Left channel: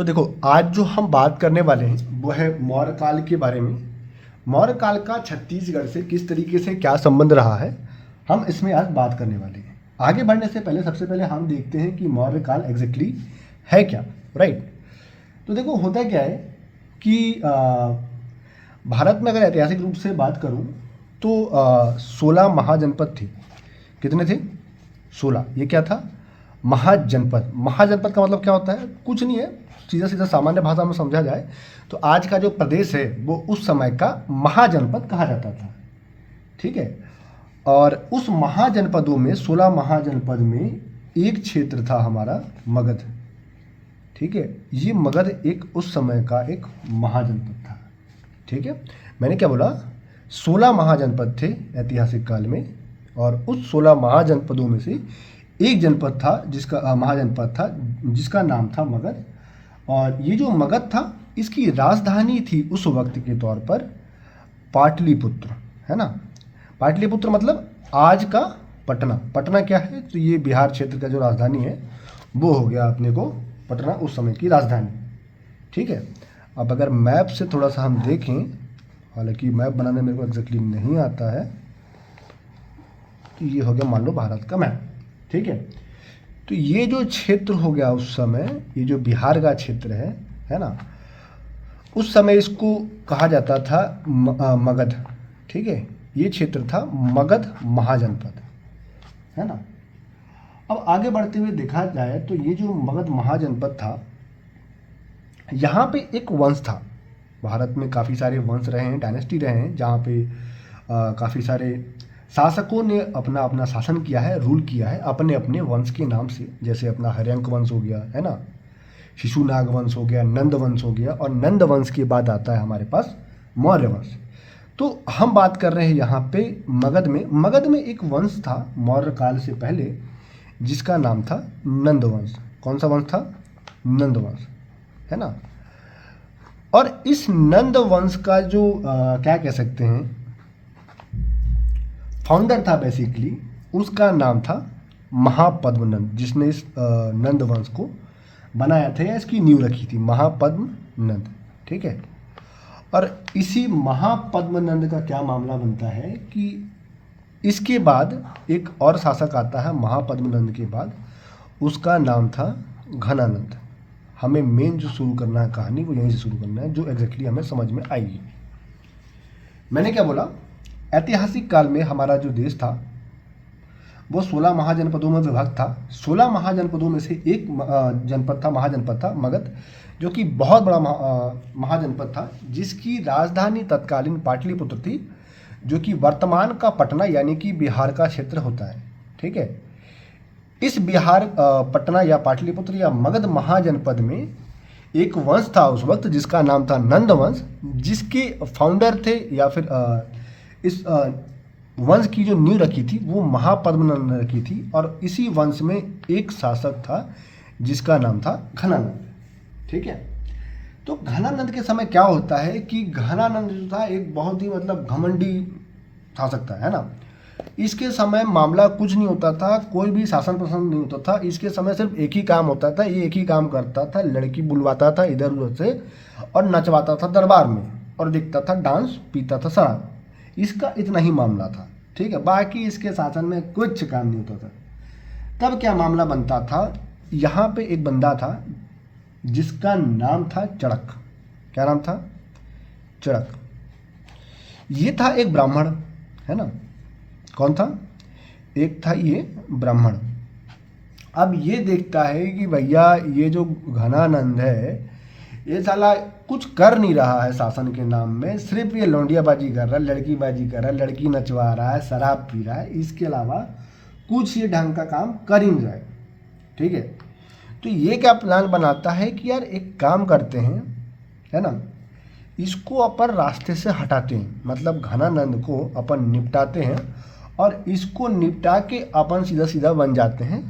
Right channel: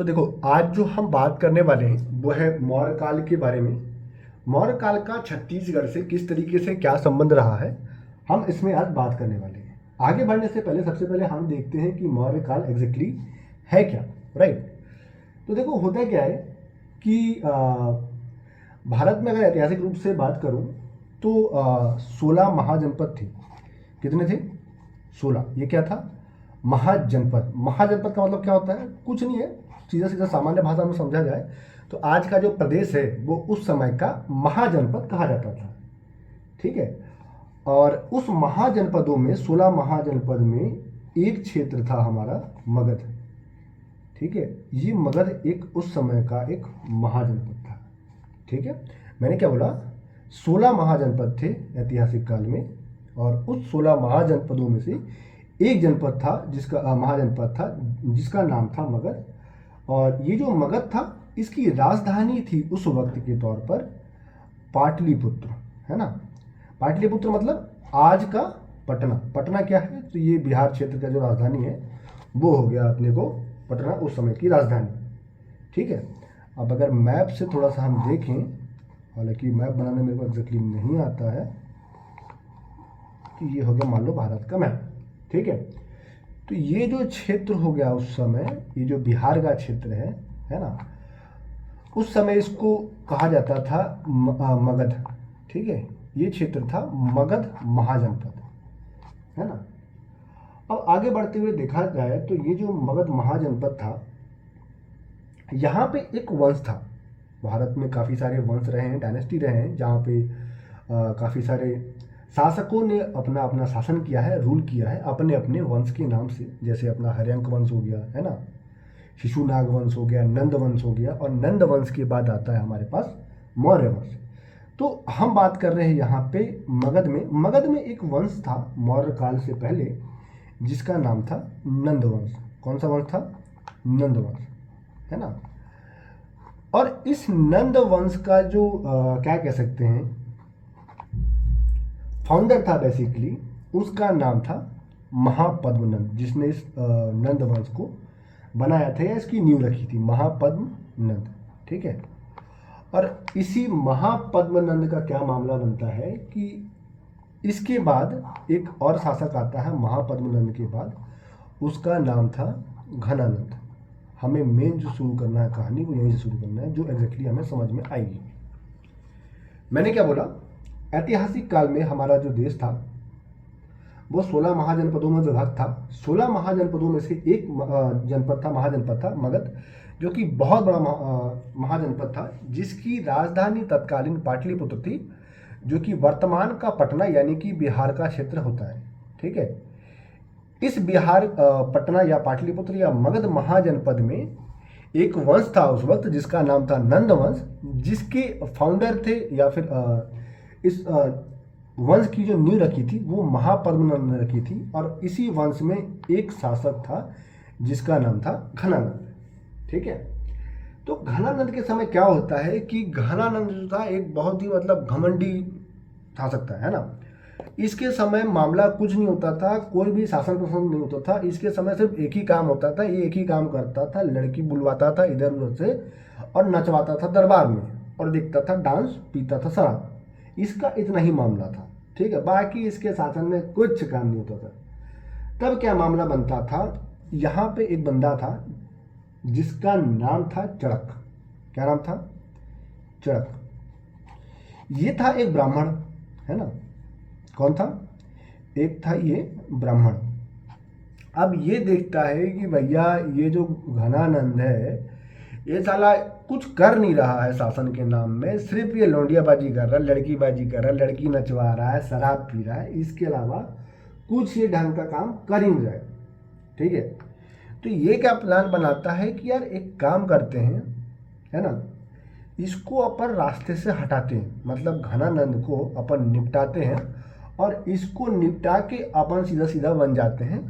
तो देखो, आज जो हम बात करने वाले हैं वो है मौर्य काल के बारे में। मौर्य काल का छत्तीसगढ़ से किस तरीके से क्या संबंध रहा है, हम इसमें आज बात करने वाले हैं। आगे बढ़ने से पहले सबसे पहले हम देखते हैं कि मौर्य काल एग्जैक्टली है क्या। राइट। तो देखो, होता क्या है कि भारत में अगर ऐतिहासिक रूप से बात करूं तो 16 महाजनपद थे। कितने थे? 16। ये क्या था? महाजनपद। महाजनपद का मतलब क्या होता है? कुछ नहीं है, सीधा सीधा सामान्य भाषा में समझा जाए तो आज का जो प्रदेश है वो उस समय का महाजनपद कहा जाता था। ठीक है। और उस महाजनपदों में 16 महाजनपद में एक क्षेत्र था हमारा मगध। ठीक है। ये मगध एक उस समय का एक महाजनपद था। ठीक है। मैंने क्या बोला? 16 महाजनपद थे ऐतिहासिक काल में, और उस 16 महाजनपदों में से एक जनपद था जिसका महाजनपद था जिसका नाम था मगध। और ये जो मगध था इसकी राजधानी थी उस वक्त के तौर पर पाटलिपुत्र, है ना। पाटलिपुत्र मतलब आज का पटना। पटना क्या है? तो ये बिहार क्षेत्र का जो राजधानी है वो हो गया अपने को पटना, उस समय की राजधानी। ठीक है। अब अगर मैप से थोड़ा सा हम देखें, हालांकि मैप बनाने मेरे को एग्जैक्टली नहीं आता है, तो ये हो गया मान लो भारत का मैप। ठीक है। तो ये जो क्षेत्र हो गया उस समय, ये जो बिहार का क्षेत्र है ना, उस समय इसको कहा जाता था मगध। ठीक है। ये क्षेत्र था मगध महाजनपद, है ना। अब आगे बढ़ते हुए देखा जाए तो ये जो मगध महाजनपद था, यहाँ पे एक वंश था। भारत में काफ़ी सारे वंश रहे हैं, डायनेस्टी रहे हैं, जहाँ पे काफ़ी सारे शासकों ने अपना अपना शासन किया है, रूल किया है अपने अपने वंश के नाम से। जैसे अपना हर्यंक वंश हो गया, है ना, शिशुनाग वंश हो गया, नंद वंश हो गया, और नंद वंश के बाद आता है हमारे पास मौर्य वंश। तो हम बात कर रहे हैं यहाँ पे मगध में। मगध में एक वंश था मौर्य काल से पहले जिसका नाम था नंद वंश। कौन सा वंश था? नंद वंश, है ना। और इस नंद वंश का जो क्या कह सकते हैं, फाउंडर था बेसिकली, उसका नाम था महापद्मनंद, जिसने इस नंद वंश को बनाया था या इसकी नींव रखी थी, महापद्मनंद। ठीक है। और इसी महापद्मनंद का क्या मामला बनता है कि इसके बाद एक और शासक आता है महापद्मनंद के बाद, उसका नाम था घनानंद। हमें मेन जो शुरू करना है कहानी वो यहीं से शुरू करना है, जो एग्जैक्टली हमें समझ में आएगी। मैंने क्या बोला? ऐतिहासिक काल में हमारा जो देश था वो 16 महाजनपदों में विभक्त था। 16 महाजनपदों में से एक जनपद था, महाजनपद था मगध, जो कि बहुत बड़ा महाजनपद था, जिसकी राजधानी तत्कालीन पाटलिपुत्र थी, जो कि वर्तमान का पटना यानी कि बिहार का क्षेत्र होता है। ठीक है। इस बिहार पटना या पाटलिपुत्र या मगध महाजनपद में एक वंश था उस वक्त जिसका नाम था नंद वंश, जिसके फाउंडर थे या फिर इस वंश की जो नींव रखी थी वो महापद्मनंद ने रखी थी। और इसी वंश में एक शासक था जिसका नाम था घनानंद। ठीक है। तो घनानंद के समय क्या होता है कि घनानंद जो था एक बहुत ही मतलब घमंडी शासक था, है ना। इसके समय मामला कुछ नहीं होता था, कोई भी शासन प्रशासन नहीं होता था। इसके समय सिर्फ एक ही काम होता था, ये एक ही काम करता था, लड़की बुलवाता था इधर उधर से और नचवाता था दरबार में, और देखता था डांस, पीता था शराब। इसका इतना ही मामला था। ठीक है। बाकी इसके शासन में कुछ काम नहीं होता था। तब क्या मामला बनता था, यहाँ पे एक बंदा था जिसका नाम था चड़क। क्या नाम था? चड़क। ये था एक ब्राह्मण, है ना। कौन था? एक था ये ब्राह्मण। अब ये देखता है कि भैया ये जो घनानंद है ये साला कुछ कर नहीं रहा है शासन के नाम में, सिर्फ ये लौंडियाबाजी कर रहा है, लड़कीबाजी कर रहा है, लड़की नचवा रहा है, शराब पी रहा है, इसके अलावा कुछ ये ढंग का काम कर ही नहीं रहा है। ठीक है। तो ये क्या प्लान बनाता है कि यार एक काम करते हैं, है ना, इसको अपन रास्ते से हटाते हैं, मतलब घनानंद को अपन निपटाते हैं, और इसको निपटा के अपन सीधा सीधा बन जाते हैं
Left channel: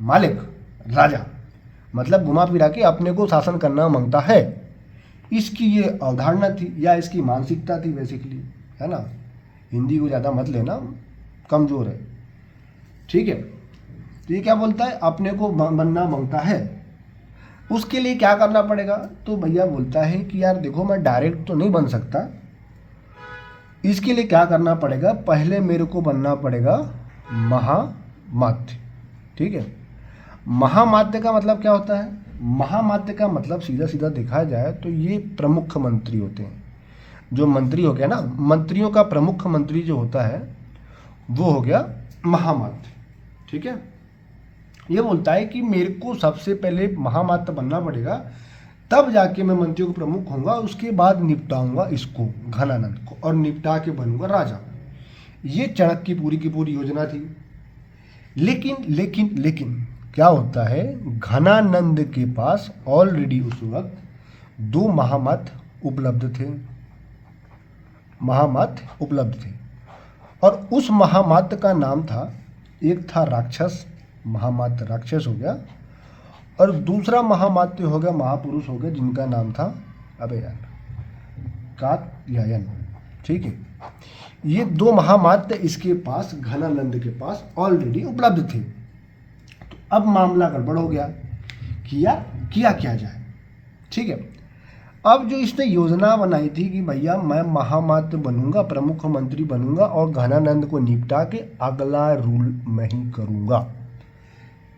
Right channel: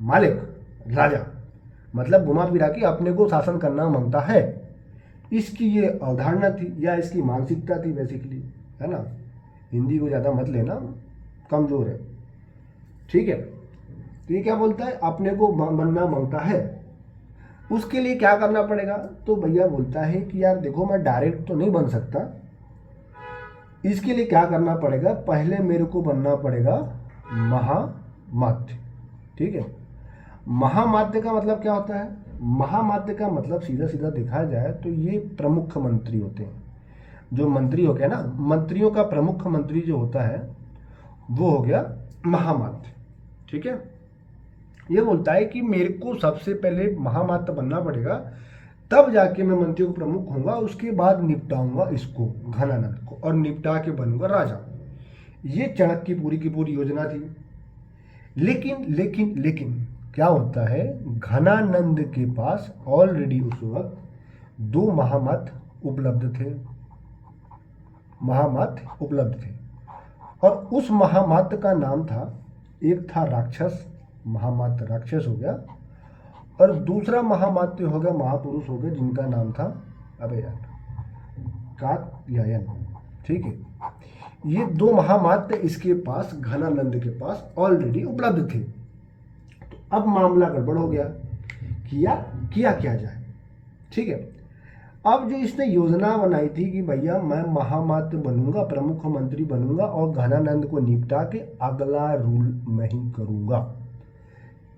मालिक, राजा। मतलब घुमा फिरा के अपने को शासन करना मांगता है। इसकी ये अवधारणा थी या इसकी मानसिकता थी बेसिकली, है ना। हिंदी को ज़्यादा मत लेना, कमज़ोर है। ठीक है। तो ये क्या बोलता है? अपने को बनना मांगता है। उसके लिए क्या करना पड़ेगा, तो भैया बोलता है कि यार देखो मैं डायरेक्ट तो नहीं बन सकता, इसके लिए क्या करना पड़ेगा, पहले मेरे को बनना पड़ेगा महामात्य। ठीक है, महामात्य का मतलब क्या होता है, महामात्य का मतलब सीधा सीधा देखा जाए तो ये प्रमुख मंत्री होते हैं। जो मंत्री हो गया ना, मंत्रियों का प्रमुख मंत्री जो होता है वो हो गया महामात्य। ठीक है, ये बोलता है कि मेरे को सबसे पहले महामात्य बनना पड़ेगा, तब जाके मैं मंत्रियों का प्रमुख होऊंगा, उसके बाद निपटाऊंगा इसको घनानंद को और निपटा के बनूंगा राजा। ये चाणक्य की पूरी योजना थी। लेकिन लेकिन लेकिन क्या होता है, घनानंद के पास ऑलरेडी उस वक्त 2 महामात्य उपलब्ध थे, महामात्य उपलब्ध थे। और उस महामात्य का नाम था, एक था राक्षस, महामात्य राक्षस हो गया, और दूसरा महामात्य हो गया, महापुरुष हो गया, जिनका नाम था अबे यार कात्यायन। ठीक है, ये 2 महामात्य इसके पास, घनानंद के पास ऑलरेडी उपलब्ध थे। तो अब मामला गड़बड़ हो गया कि यार किया क्या जाए। ठीक है, अब जो इसने योजना बनाई थी कि भैया मैं महामात्य बनूंगा, प्रमुख मंत्री बनूंगा और घनानंद को निपटा के अगला रूल मैं ही करूंगा,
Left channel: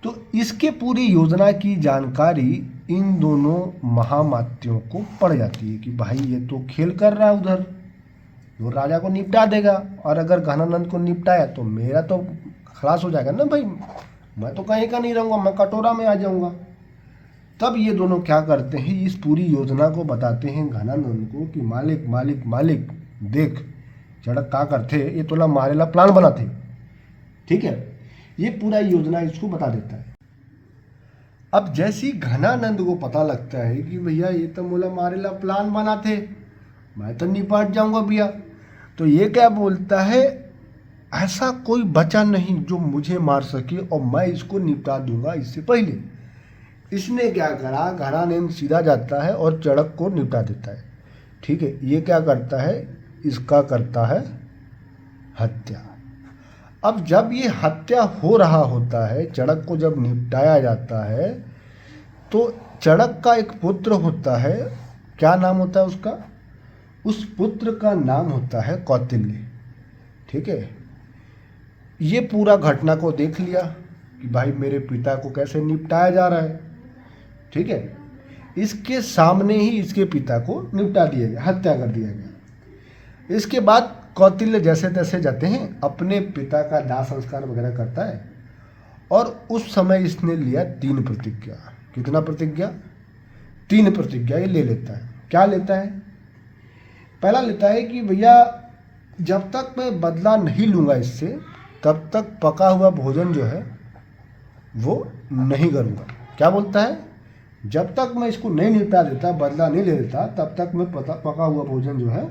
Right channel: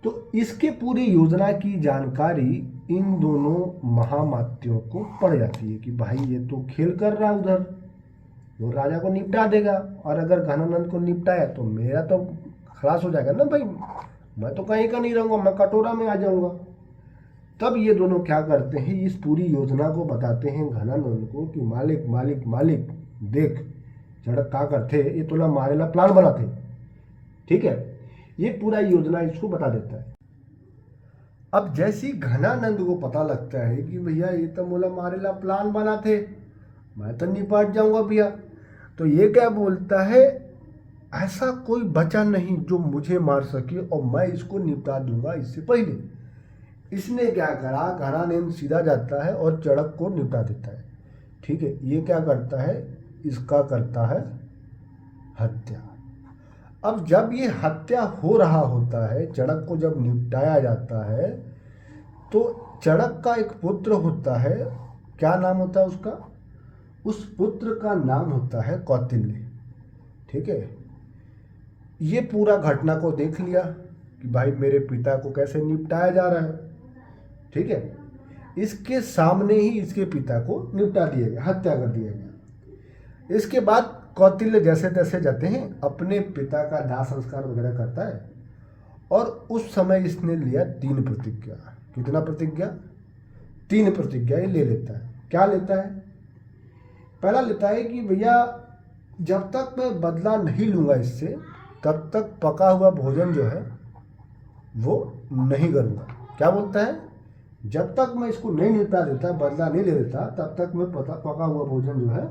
तो इसके पूरी योजना की जानकारी इन दोनों महामात्यों को पड़ जाती है कि भाई ये तो खेल कर रहा है उधर, वो राजा को निपटा देगा, और अगर घनानंद को निपटाया तो मेरा तो खलास हो जाएगा ना भाई, मैं तो कहीं का नहीं रहूँगा, मैं कटोरा में आ जाऊँगा। तब ये दोनों क्या करते हैं, इस पूरी योजना को बताते हैं घनानंद को कि मालिक मालिक मालिक देख, चढ़क का करते ये तोला मारेला प्लान बनाते। ठीक है, ये पूरा योजना इसको बता देता है। अब जैसे ही घनानंद को पता लगता है कि भैया ये तो मोला मारेला प्लान बनाते, मैं तो निपट जाऊंगा भैया, तो ये क्या बोलता है, ऐसा कोई बचा नहीं जो मुझे मार सके और मैं इसको निपटा दूंगा इससे पहले। इसने क्या करा, घनानंद सीधा जाता है और चढ़क को निपटा देता है। ठीक है, ये क्या करता है, इसका करता है हत्या। अब जब ये हत्या हो रहा होता है, चढ़क को जब निपटाया जाता है, तो चढ़क का एक पुत्र होता है, क्या नाम होता है उसका, उस पुत्र का नाम होता है कौटिल्य। ठीक है, ये पूरा घटना को देख लिया कि भाई मेरे पिता को कैसे निपटाया जा रहा है। ठीक है, इसके सामने ही इसके पिता को निपटा दिया गया, हत्या कर दिया गया। इसके बाद कौटिल्य जैसे तैसे जाते हैं, अपने पिता का दाह संस्कार वगैरह करता है, और उस समय इसने लिया 3 प्रतिज्ञा। कितना प्रतिज्ञा, 3 प्रतिज्ञा ये ले लेता है। क्या लेता है, पहला लेता है कि भैया जब तक मैं बदला नहीं लूँगा इससे, तब तक पका हुआ भोजन जो है वो नहीं करूँगा। क्या बोलता है, जब तक मैं इसको नहीं निपटा देता, बदला नहीं ले लेता, तब तक मैं पका हुआ भोजन जो है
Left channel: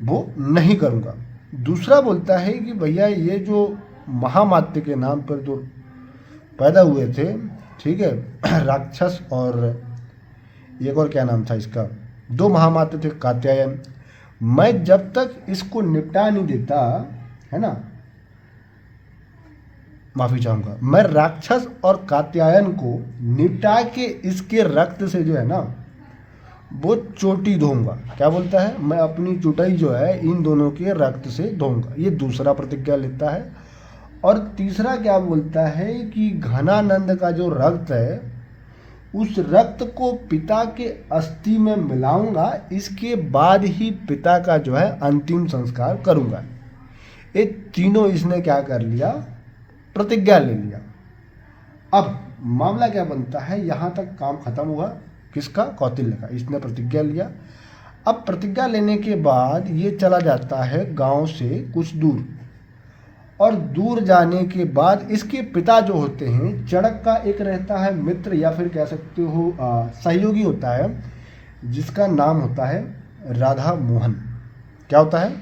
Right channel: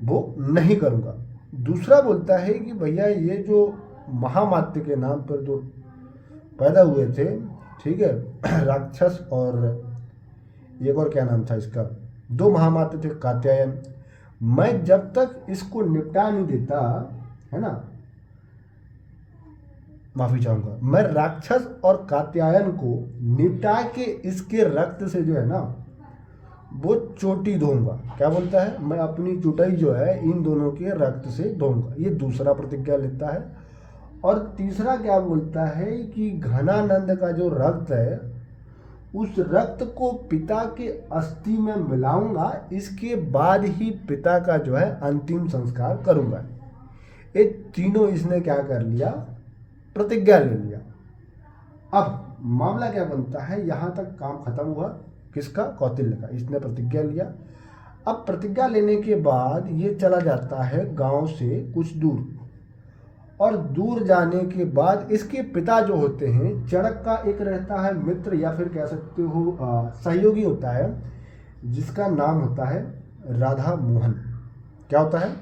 वो नहीं करूँगा। दूसरा बोलता है कि भैया ये जो महामात्य के नाम पर जो पैदा हुए थे, ठीक है, राक्षस और एक और क्या नाम था इसका, 2 महामात्य थे कात्यायन, मैं जब तक इसको निपटा नहीं देता है ना, माफी चाहूँगा, मैं राक्षस और कात्यायन को निपटा के इसके रक्त से जो है ना वो चोटी धोऊंगा। क्या बोलता है, मैं अपनी चुटाई जो है इन दोनों के रक्त से धोऊंगा। ये दूसरा प्रतिज्ञा लेता है। और तीसरा क्या बोलता है कि घनानंद का जो रक्त है, उस रक्त को पिता के अस्थि में मिलाऊंगा, इसके बाद ही पिता का जो है अंतिम संस्कार करूंगा। ये तीनों इसने क्या कर लिया, प्रतिज्ञा ले लिया। अब मामला क्या बनता है, यहाँ तक काम खत्म हुआ किसका, कौटिल्य का, इसने प्रतिज्ञा लिया। अब प्रतिज्ञा लेने के बाद ये चला जाता है गांव से कुछ दूर, और दूर जाने के बाद इसके पिता जो होते हैं, चढ़क का एक रहता है मित्र या फिर कह सकते हो सहयोगी होता है, जिसका नाम होता है राधा मोहन। क्या होता है,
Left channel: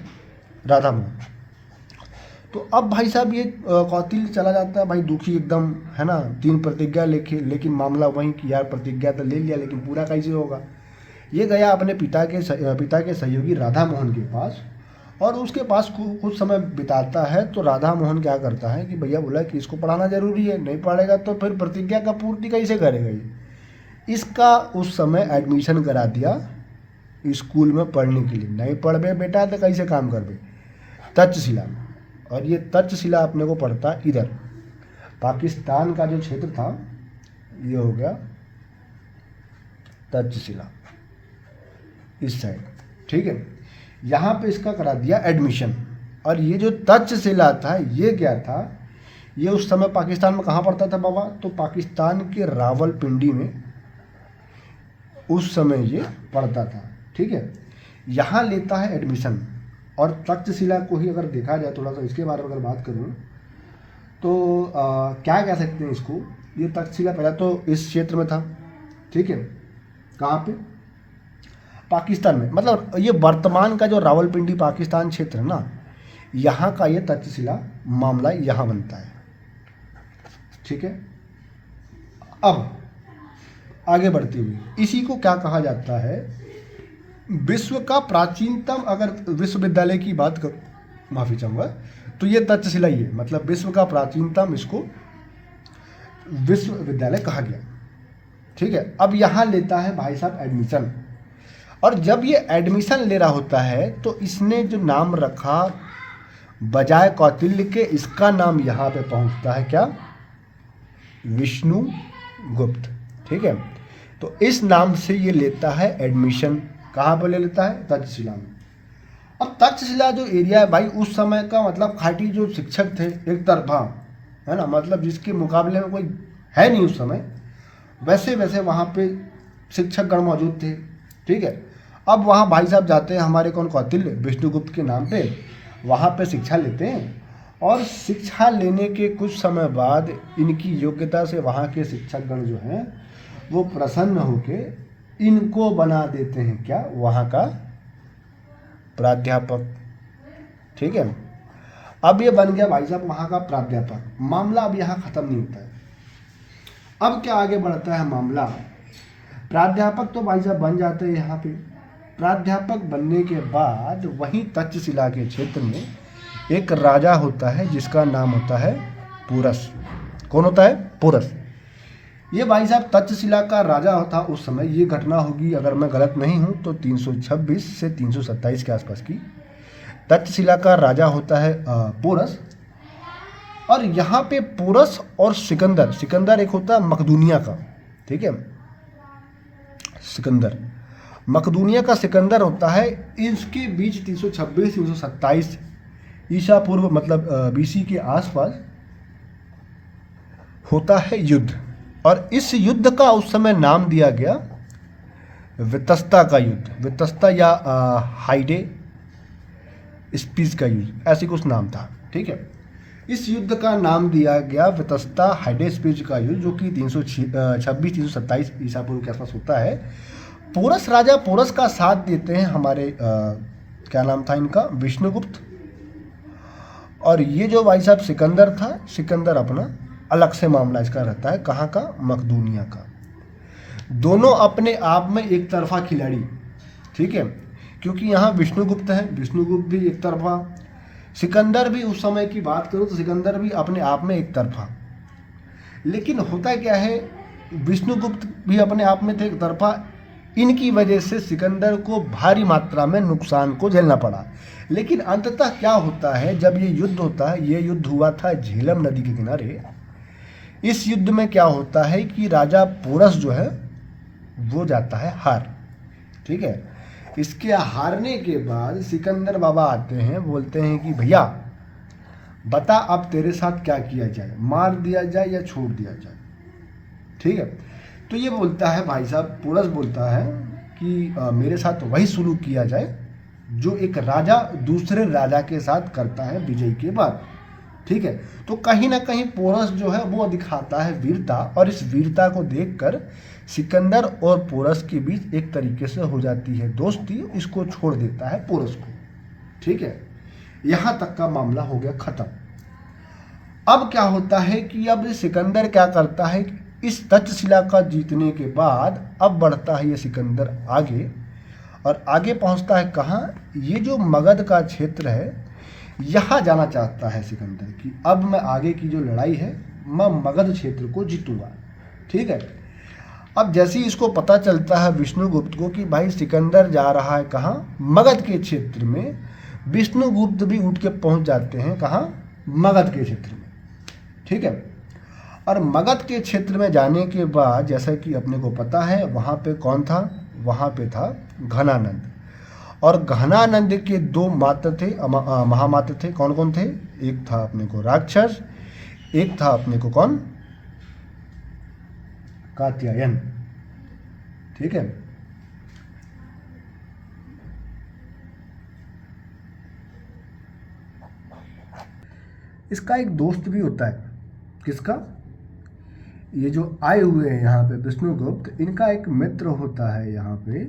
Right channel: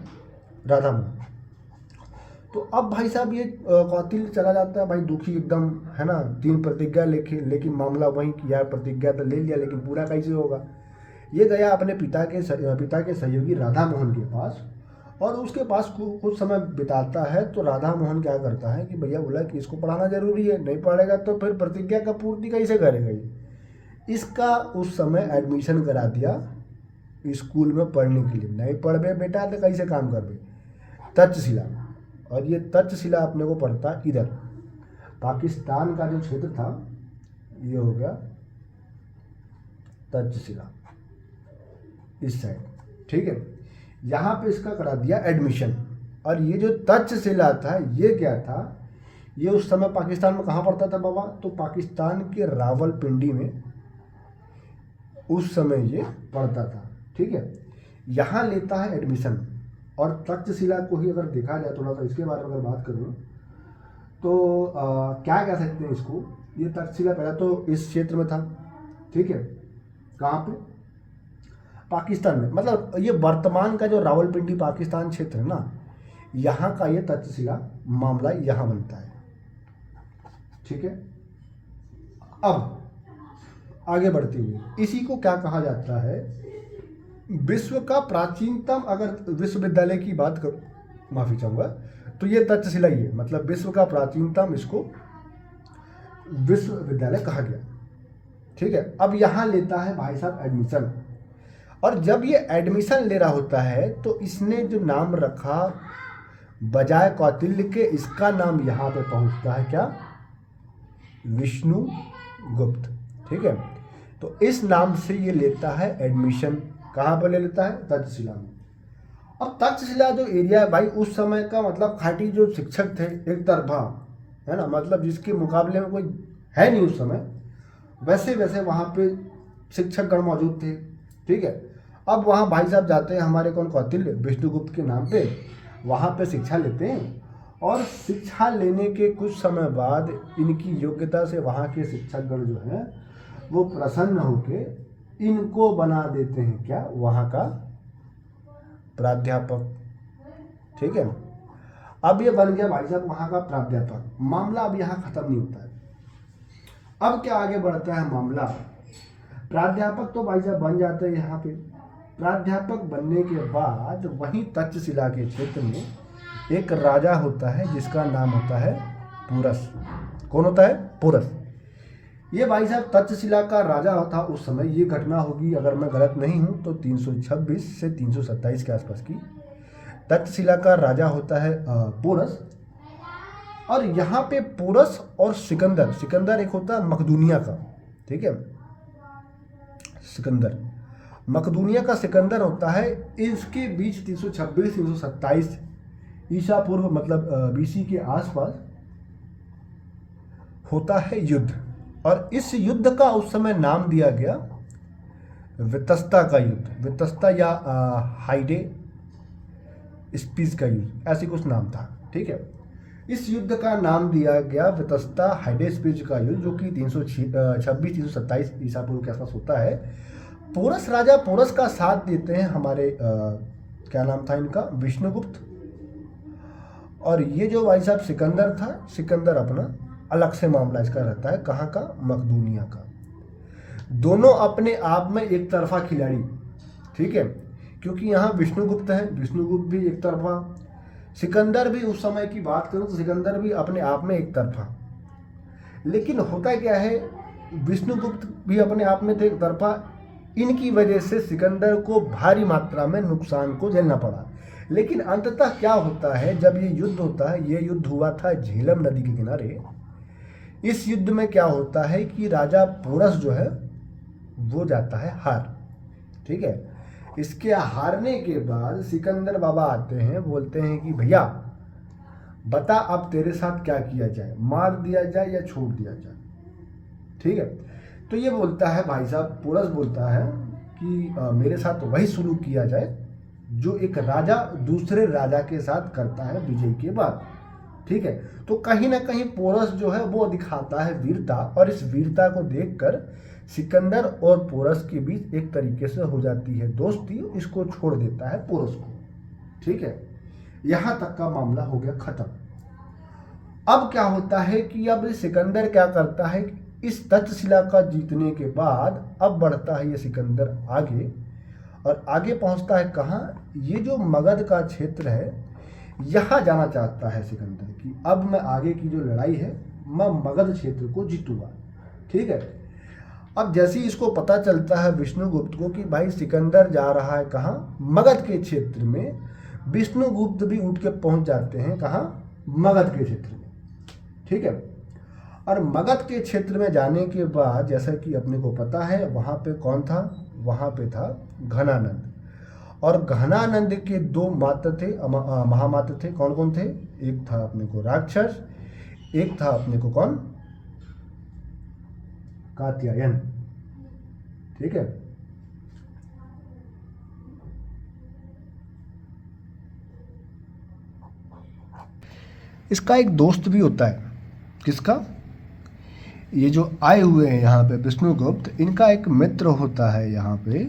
राधा मोहन। तो अब भाई साहब ये कौटिल्य चला जाता है, भाई दुखी एकदम है ना, 3 प्रतिज्ञा लेके, लेकिन मामला वही कि यार प्रतिज्ञा तो ले लिया लेकिन पूरा कैसे होगा। ये गया अपने पिता के सहयोगी राधा मोहन के पास, और उसके पास कुछ समय बिताता है। तो राधा मोहन क्या करता है कि भैया बोला कि इसको पढ़ाना जरूरी है, नहीं पढ़ेगा तो फिर प्रतिज्ञा का पूर्ति कैसे करेगा ये, इसका उस समय एडमिशन करा दिया स्कूल में पढ़ने के लिए। नहीं पढ़ बे बेटा तो कैसे काम कर बे, तक्षशिला। और ये तक्षशिला अपने को पड़ता इधर पाकिस्तान का जो क्षेत्र था, ये हो गया तक्षशिला इस साइड, ठीक है। यहाँ पे इसका करा दिया एडमिशन। और ये जो तक्षशिला था ये क्या था, ये उस समय पाकिस्तान में कहाँ पड़ता था बाबा, तो पाकिस्तान के रावलपिंडी में उस समय ये पढ़ता था, ठीक है। यहाँ लेता है एडमिशन। और तक्षशिला को ही अगर देखा जाए थोड़ा सा इसके बारे में अगर बात करूँ तो क्या कह सकते हैं इसको, ये तक्षशिला पहला तो इस क्षेत्र में था, ठीक है। कहाँ पे, पाकिस्तान में, मतलब ये वर्तमान का जो रावलपिंडी पाकिस्तान क्षेत्र है ना, यहाँ का ये तक्षशिला मामला यहाँ बनता है, ठीक है। अब आगे बढ़ते हुए इसी को क्या कहा जाता है, विश्व का प्राचीनतम, अगर विश्वविद्यालय की बात कर, माफी चाहूँगा, तो ये तक्षशिला ही है, मतलब विश्व का प्राचीनतम इसको विश्वविद्यालय कहा गया, ठीक है। अब यहाँ लेता है भाई साहब एडमिशन। और जब ये एडमिशन ले रहा होता है तो इसने जो नाम रखा बजाय कौटिल्य के, इसका नाम यहाँ पे पहुँचता है क्या, विष्णुगुप्त, ठीक है। तो इस नाम से ये लेता है एडमिशन। कहाँ पर ले लेता है, तक्षशिला में। अब तक्षशिला जो एरिया है भाई उस समय का, मतलब खाटी जो शिक्षक थे एक तरफा, है ना, मतलब जिसके मुकाबले में कोई है नहीं उस समय, वैसे वैसे वहाँ पे शिक्षकगण मौजूद थे, ठीक है। अब वहाँ भाई साहब जाते हैं हमारे कौन, कौटिल्य, विष्णुगुप्त के नाम पे, वहाँ पे शिक्षा लेते हैं। और शिक्षा लेने के कुछ समय बाद इनकी योग्यता से वहाँ के शिक्षकगण जो हैं वो प्रसन्न होके इनको बना देते हैं क्या, वहाँ का प्राध्यापक, ठीक है। अब ये बन गया भाई साहब वहाँ का प्राध्यापक। मामला अब यहाँ खत्म नहीं होता है, अब क्या आगे बढ़ता है मामला। प्राध्यापक तो भाई साहब बन जाते हैं यहाँ पे। प्राध्यापक बनने के बाद वहीं तक्षशिला के क्षेत्र में एक राजा होता है जिसका नाम होता है पुरस। कौन होता है, पुरस। ये भाई साहब तक्षशिला का राजा था उस समय। ये घटना होगी, अगर मैं गलत नहीं हूँ तो 326 से 327 के आसपास की। तक्षशिला का राजा होता है पुरस। और यहाँ पे पुरस और सिकंदर, सिकंदर एक होता है मकदूनिया का, ठीक है, सिकंदर, मकदूनिया का सिकंदर होता है। इसके बीच 326 327 ईसा पूर्व, मतलब बीसी के आसपास होता है युद्ध। और इस युद्ध का उस समय नाम दिया गया वितस्ता का युद्ध, वितस्ता या हाइडे स्पीच का युद्ध, ऐसी कुछ नाम था, ठीक है। इस युद्ध का नाम दिया गया वितस्ता हाइडे स्पीच का युद्ध, जो कि 326 327 ईसा पूर्व के आसपास होता है। पोरस, राजा पोरस का साथ देते हैं हमारे क्या नाम था इनका, विष्णुगुप्त। और ये जो भाई साहब सिकंदर था, सिकंदर अपना अलग से मामला इसका रहता है, कहाँ का, मकदूनिया का। दोनों अपने आप में एक तरफा खिलाड़ी, ठीक है, क्योंकि यहाँ विष्णुगुप्त है, विष्णुगुप्त भी एक तरफा, सिकंदर भी उस समय की बात करो तो सिकंदर भी अपने आप में एक तरफा। लेकिन होता क्या है, विष्णुगुप्त भी अपने आप में थे एक तरफा, इनकी वजह से सिकंदर को भारी मात्रा में नुकसान को झेलना पड़ा। लेकिन अंततः क्या होता है, जब ये युद्ध होता है, ये युद्ध हुआ था झेलम नदी के किनारे। इस युद्ध में क्या होता है कि राजा पोरस जो है वो जाता है हार, ठीक है। इसके हारने के बाद सिकंदर बाबा आते हैं, बोलते हैं कि भैया बता अब तेरे साथ क्या किया जाए, मार दिया जाए या छोड़ दिया जाए, ठीक है। तो ये बोलता है भाई साहब, पोरस बोलता है कि मेरे साथ वही शुरू किया जाए जो एक राजा दूसरे राजा के साथ करता है विजय के बाद, ठीक है। तो कहीं ना कहीं पोरस जो है वो दिखाता है वीरता, और इस वीरता को देखकर सिकंदर और पोरस के बीच एक तरीके से हो जाती है दोस्ती, इसको छोड़ देता है पोरस को, ठीक है। यहाँ तक का मामला हो गया खत्म। अब क्या होता है कि अब सिकंदर क्या करता है, इस तक्षशिला का जीतने के बाद अब बढ़ता है ये सिकंदर आगे, और आगे पहुंचता है कहाँ, ये जो मगध का क्षेत्र है यहाँ जाना चाहता है सिकंदर कि अब मैं आगे की जो लड़ाई है मैं मगध क्षेत्र को जीतूंगा, ठीक है। अब जैसे ही इसको पता चलता है विष्णुगुप्त को कि भाई सिकंदर जा रहा है कहाँ, मगध के क्षेत्र में, विष्णुगुप्त भी उठ के पहुंच जाते हैं कहाँ, मगध के क्षेत्र में। ठीक है, और मगध के क्षेत्र में जाने के बाद जैसा कि अपने को पता है वहाँ पे कौन था, वहाँ पे था घनानंद। और घनानंद के दो मात्र थे, महामात्र थे। कौन कौन थे? एक था अपने को राक्षस, एक था अपने को कौन, कात्यायन। ठीक है, इसका एक दोस्त भी होता है। किसका? ये जो आए हुए हैं यहाँ पे विष्णुगुप्त, इनका एक मित्र होता है यहाँ पे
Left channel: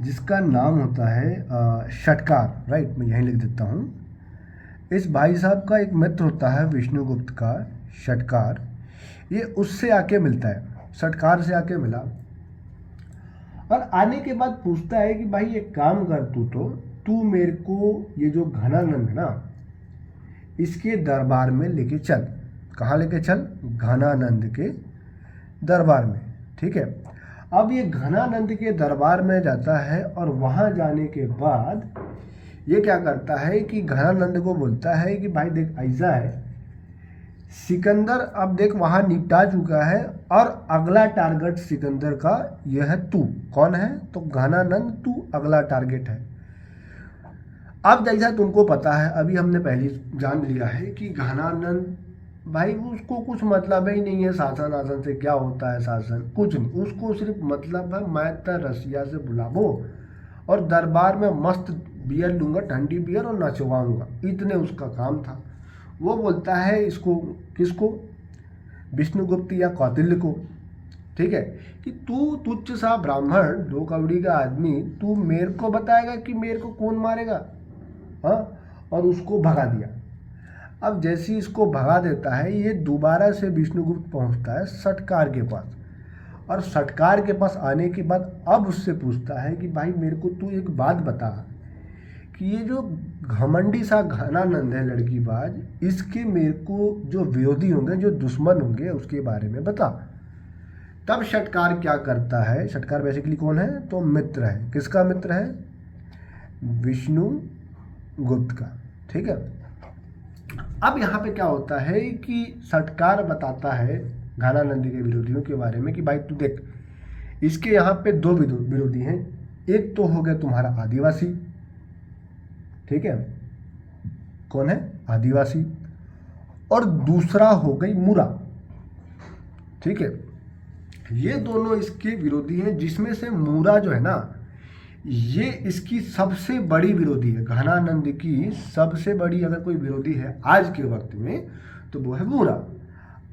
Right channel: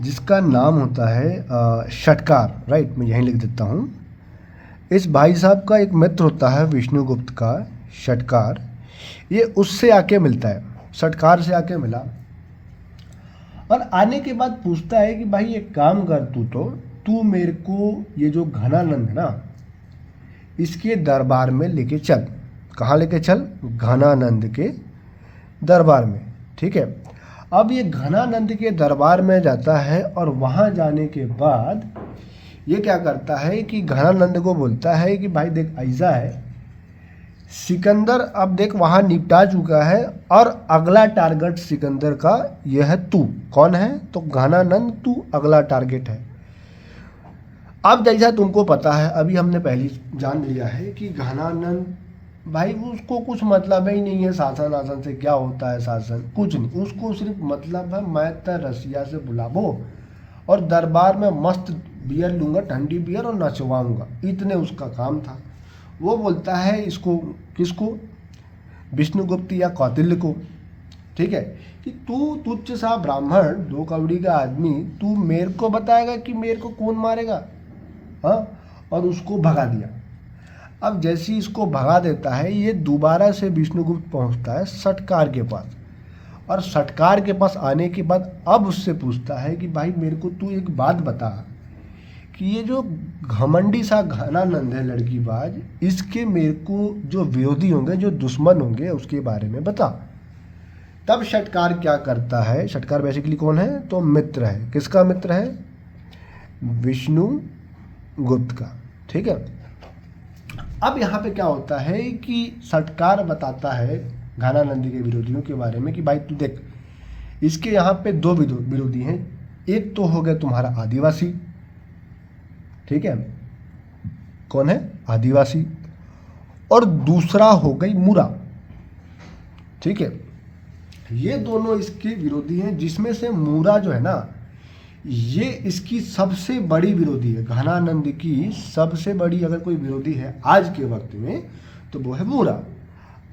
जिसका नाम होता है षटकार। राइट, मैं यहीं लिख देता हूँ। इस भाई साहब का एक मित्र होता है विष्णुगुप्त का, षटकार। ये उससे आके मिलता है, षटकार से आके मिला, और आने के बाद पूछता है कि भाई एक काम कर, तू मेरे को ये जो घनानंद है ना, इसके दरबार में लेके चल। कहाँ लेके चल? घनानंद के दरबार में। ठीक है, अब ये घनानंद के दरबार में जाता है, और वहाँ जाने के बाद ये क्या करता है कि घनानंद को बोलता है कि भाई देख, ऐसा है, सिकंदर अब देख वहाँ निपटा चुका है, और अगला टारगेट सिकंदर का यह है तू। कौन है? तो घनानंद, तू अगला टारगेट है। अब जैसा तुमको पता है, अभी हमने पहले जान लिया है कि घनानंद भाई उसको कुछ मतलब ही नहीं है शासन आसन से, क्या होता है शासन, कुछ नहीं। उसको सिर्फ मतलब है मैं तो रसिया से बुलाबो और दरबार में मस्त बियर लूँगा, ठंडी बियर, और नचवाऊँगा, इतने उसका काम था। वो बोलता है इसको, किसको? विष्णुगुप्त या कौटिल्य को। ठीक है, कि तू तुच्छ सा ब्राह्मण, 2 कौड़ी का आदमी, तू मेरे को बताएगा कि मेरे को कौन मारेगा? हाँ, और उसको भगा दिया। अब जैसे ही इसको भगा देता है, ये दोबारा से विष्णुगुप्त पहुंचता है षटकार के पास, और षटकार के पास आने के बाद अब उससे पूछता है कि भाई मेरे को तू एक बात बता कि ये जो घमंडी सा घनानंद है लड़कीबाज, इसके मेरे को जो विरोधी होंगे, जो दुश्मन होंगे, उसके बारे में बता। तब षटकार क्या करता है? षटकार बेसिकली कौन है? तो मित्र है। किसका मित्र है? विष्णुगुप्त का। ठीक है, अब यहाँ पे क्या होता है कि षटकार बताता है घनानंद के विरोधियों के बारे में कि भाई तू देख, इसके यहाँ पे 2 विरोधी हैं। एक तो हो गया तुम्हारा आदिवासी। ठीक है, कौन है? आदिवासी। और दूसरा हो गई मुरा। ठीक है, ये दोनों इसके विरोधी हैं, जिसमें से मुरा जो है ना, ये इसकी सबसे बड़ी विरोधी है। घनानंद की सबसे बड़ी अगर कोई विरोधी है आज के वक्त में, तो वो है मुरा।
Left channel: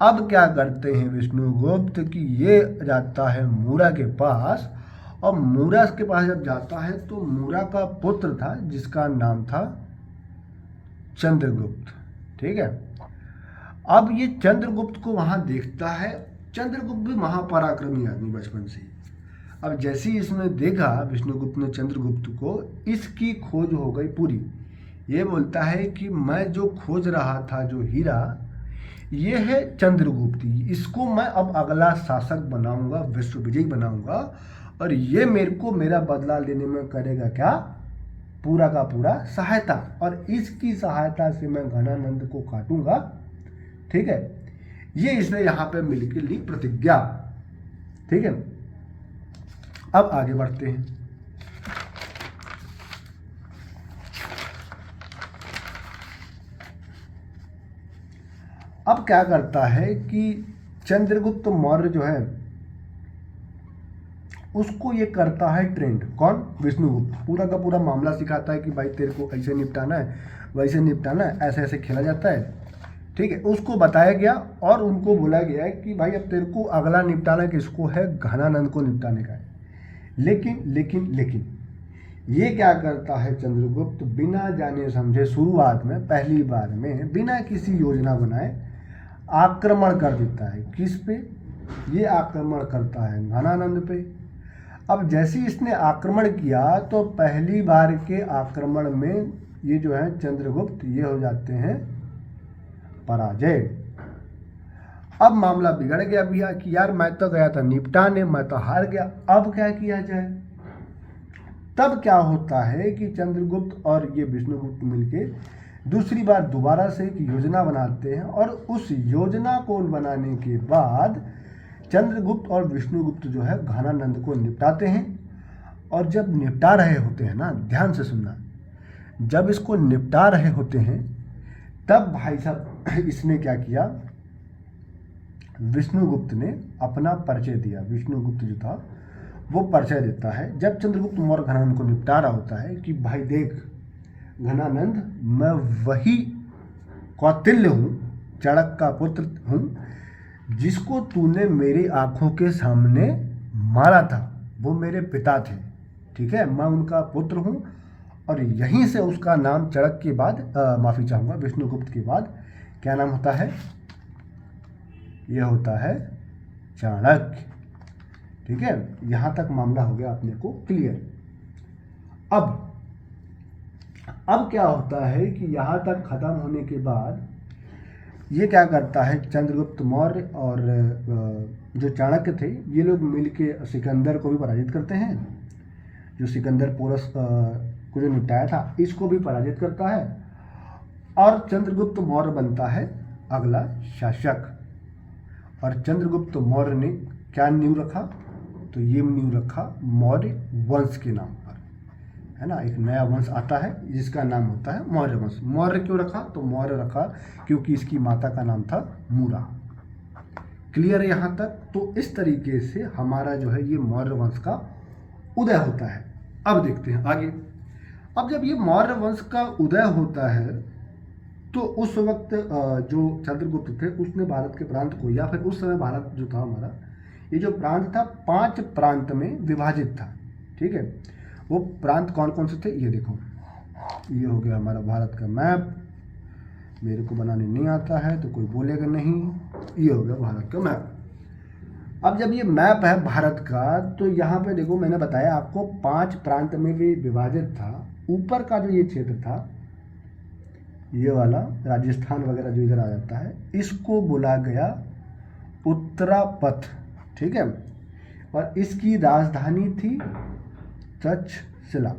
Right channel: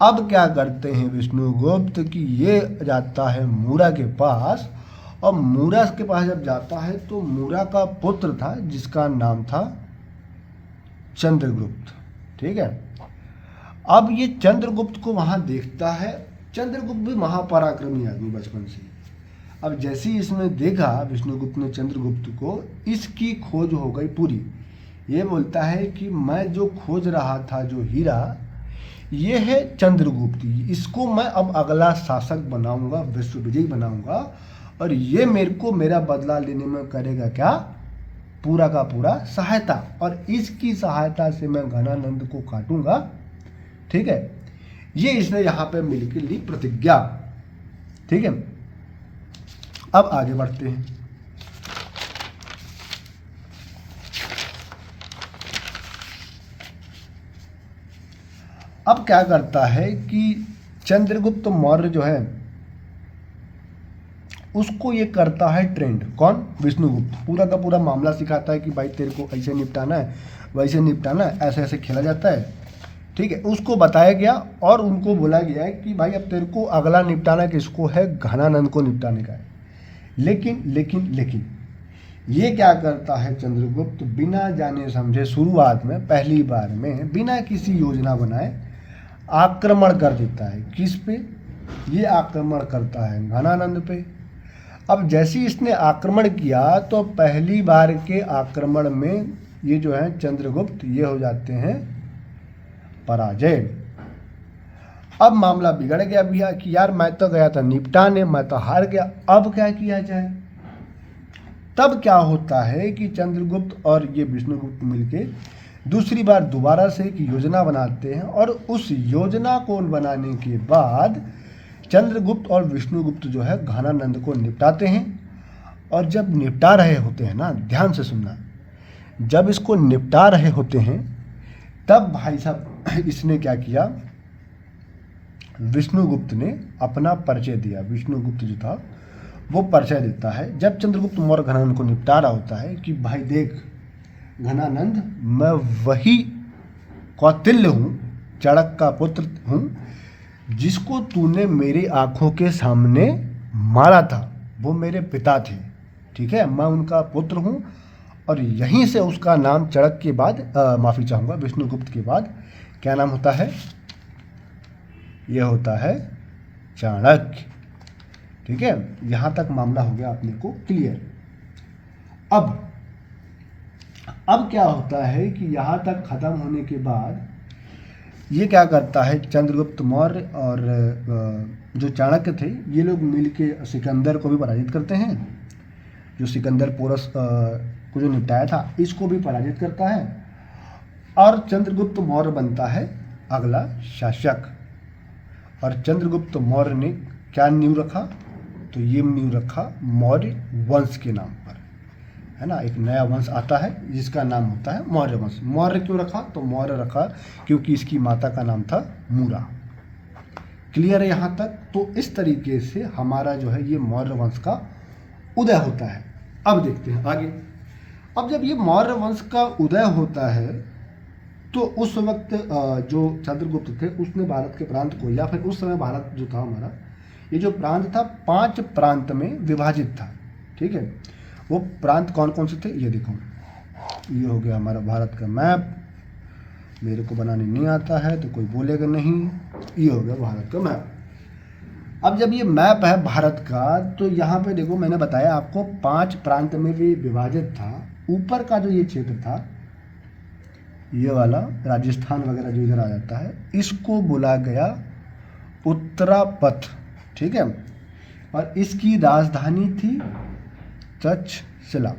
अब क्या करते हैं विष्णुगुप्त कि ये जाता है मुरा के पास, और मुरा के पास जब जाता है तो मुरा का पुत्र था जिसका नाम था चंद्रगुप्त। ठीक है, अब ये चंद्रगुप्त को वहाँ देखता है। चंद्रगुप्त भी महापराक्रमी आदमी बचपन से ही। अब जैसे ही इसने देखा विष्णुगुप्त ने चंद्रगुप्त को, इसकी खोज हो गई पूरी। ये बोलता है कि मैं जो खोज रहा था, जो हीरा, ये है चंद्रगुप्त, इसको मैं अब अगला शासक बनाऊंगा, विश्व विजयी बनाऊंगा, और ये मेरे को मेरा बदला लेने में करेगा क्या? पूरा का पूरा सहायता, और इसकी सहायता से मैं घनानंद को काटूंगा। ठीक है, ये इसने यहाँ पे मिलकर ली प्रतिज्ञा। ठीक है, अब आगे बढ़ते हैं। अब क्या करता है कि चंद्रगुप्त मौर्य जो है उसको ये करता है ट्रेंड। कौन? विष्णुगुप्त। पूरा का पूरा मामला सिखाता है कि भाई तेरे को ऐसे निपटाना है, वैसे निपटाना है, ऐसे ऐसे खेला जाता है। ठीक है, उसको बताया गया और उनको बोला गया है कि भाई अब तेरे को अगला निपटाना किसको है? घनानंद को निपटाने का है। लेकिन लेकिन लेकिन ये क्या करता है चंद्रगुप्त? बिना जाने समझे शुरुआत में, पहली बार में, बिना किसी योजना बनाए आक्रमण कर देता है। किस पे? ये आक्रमण करता है घनानंद पे। अब जैसे ही इसने आक्रमण किया तो पहली बार के आक्रमण में ये जो है चंद्रगुप्त, ये हो जाते हैं पराजय। अब मामला बिगड़ गया भैया कि यार मैं तो गया था निपटाने, मैं तो हार गया, अब क्या किया जाए। तब क्या होता है कि चंद्रगुप्त और ये विष्णुगुप्त मिलके दूसरी बार दोबारा से एक योजना बनाते हैं, और उस योजना को बनाने के बाद चंद्रगुप्त और विष्णुगुप्त जो है घनानंद को निपटाते हैं। और जब निपटा रहे होते हैं ना, ध्यान से सुनना, जब इसको निपटा रहे होते हैं तब भाई साहब इसने क्या किया, विष्णुगुप्त ने अपना परिचय दिया। विष्णुगुप्त जो था वो परिचय देता है जब चंद्रगुप्त मौर्य घनानंद को निपटा रहा होता है कि भाई देख घनानंद, मैं वही कौटिल्य हूँ, चाणक्य का पुत्र हूँ, जिसको तूने मेरी आंखों के सामने मारा था। वो मेरे पिता थे, ठीक है, मैं उनका पुत्र हूँ। और यहीं से उसका नाम चाणक्य के बाद माफ़ी चाहूँगा, विष्णुगुप्त के बाद क्या नाम होता है, यह होता है चाणक्य। ठीक है, यहाँ तक मामला हो गया अपने को क्लियर। अब क्या होता है कि यहाँ तक ख़त्म होने के बाद ये क्या करता है, चंद्रगुप्त मौर्य और जो चाणक्य थे ये लोग मिलके सिकंदर को भी पराजित करते हैं। जो सिकंदर पोरस को जो निपटाया था इसको भी पराजित करता है, और चंद्रगुप्त मौर्य बनता है अगला शासक। और चंद्रगुप्त मौर्य ने क्या नींव रखा, तो ये नींव रखा मौर्य वंश के नाम पर, है ना। एक नया वंश आता है जिसका नाम होता है मौर्य वंश। मौर्य क्यों रखा, तो मौर्य रखा क्योंकि इसकी माता का नाम था मूरा। क्लियर है यहाँ तक। तो इस तरीके से हमारा जो है ये मौर्य वंश का उदय होता है। अब देखते हैं आगे। अब जब ये मौर्य वंश का उदय होता है तो उस वक्त जो चंद्रगुप्त थे उसने भारत के प्रांत को, या फिर उस समय भारत जो था हमारा, ये जो प्रांत था 5 प्रांत में विभाजित था। ठीक है, वो प्रांत कौन कौन से थे ये देखो, ये हो गया हमारा भारत का मैप। मेरे को बनाने नहीं आता है तो कोई बोलेगा नहीं, ये हो गया भारत का मैप। अब जब ये मैप है भारत का, तो यहाँ पे देखो मैंने बताया आपको 5 प्रांत में भी विभाजित था। ऊपर का जो ये क्षेत्र था, ये वाला राजस्थान वगैरह जो इधर आ जाता है, इसको बोला गया उत्तरापथ। ठीक है, और इसकी राजधानी थी तक्षशिला।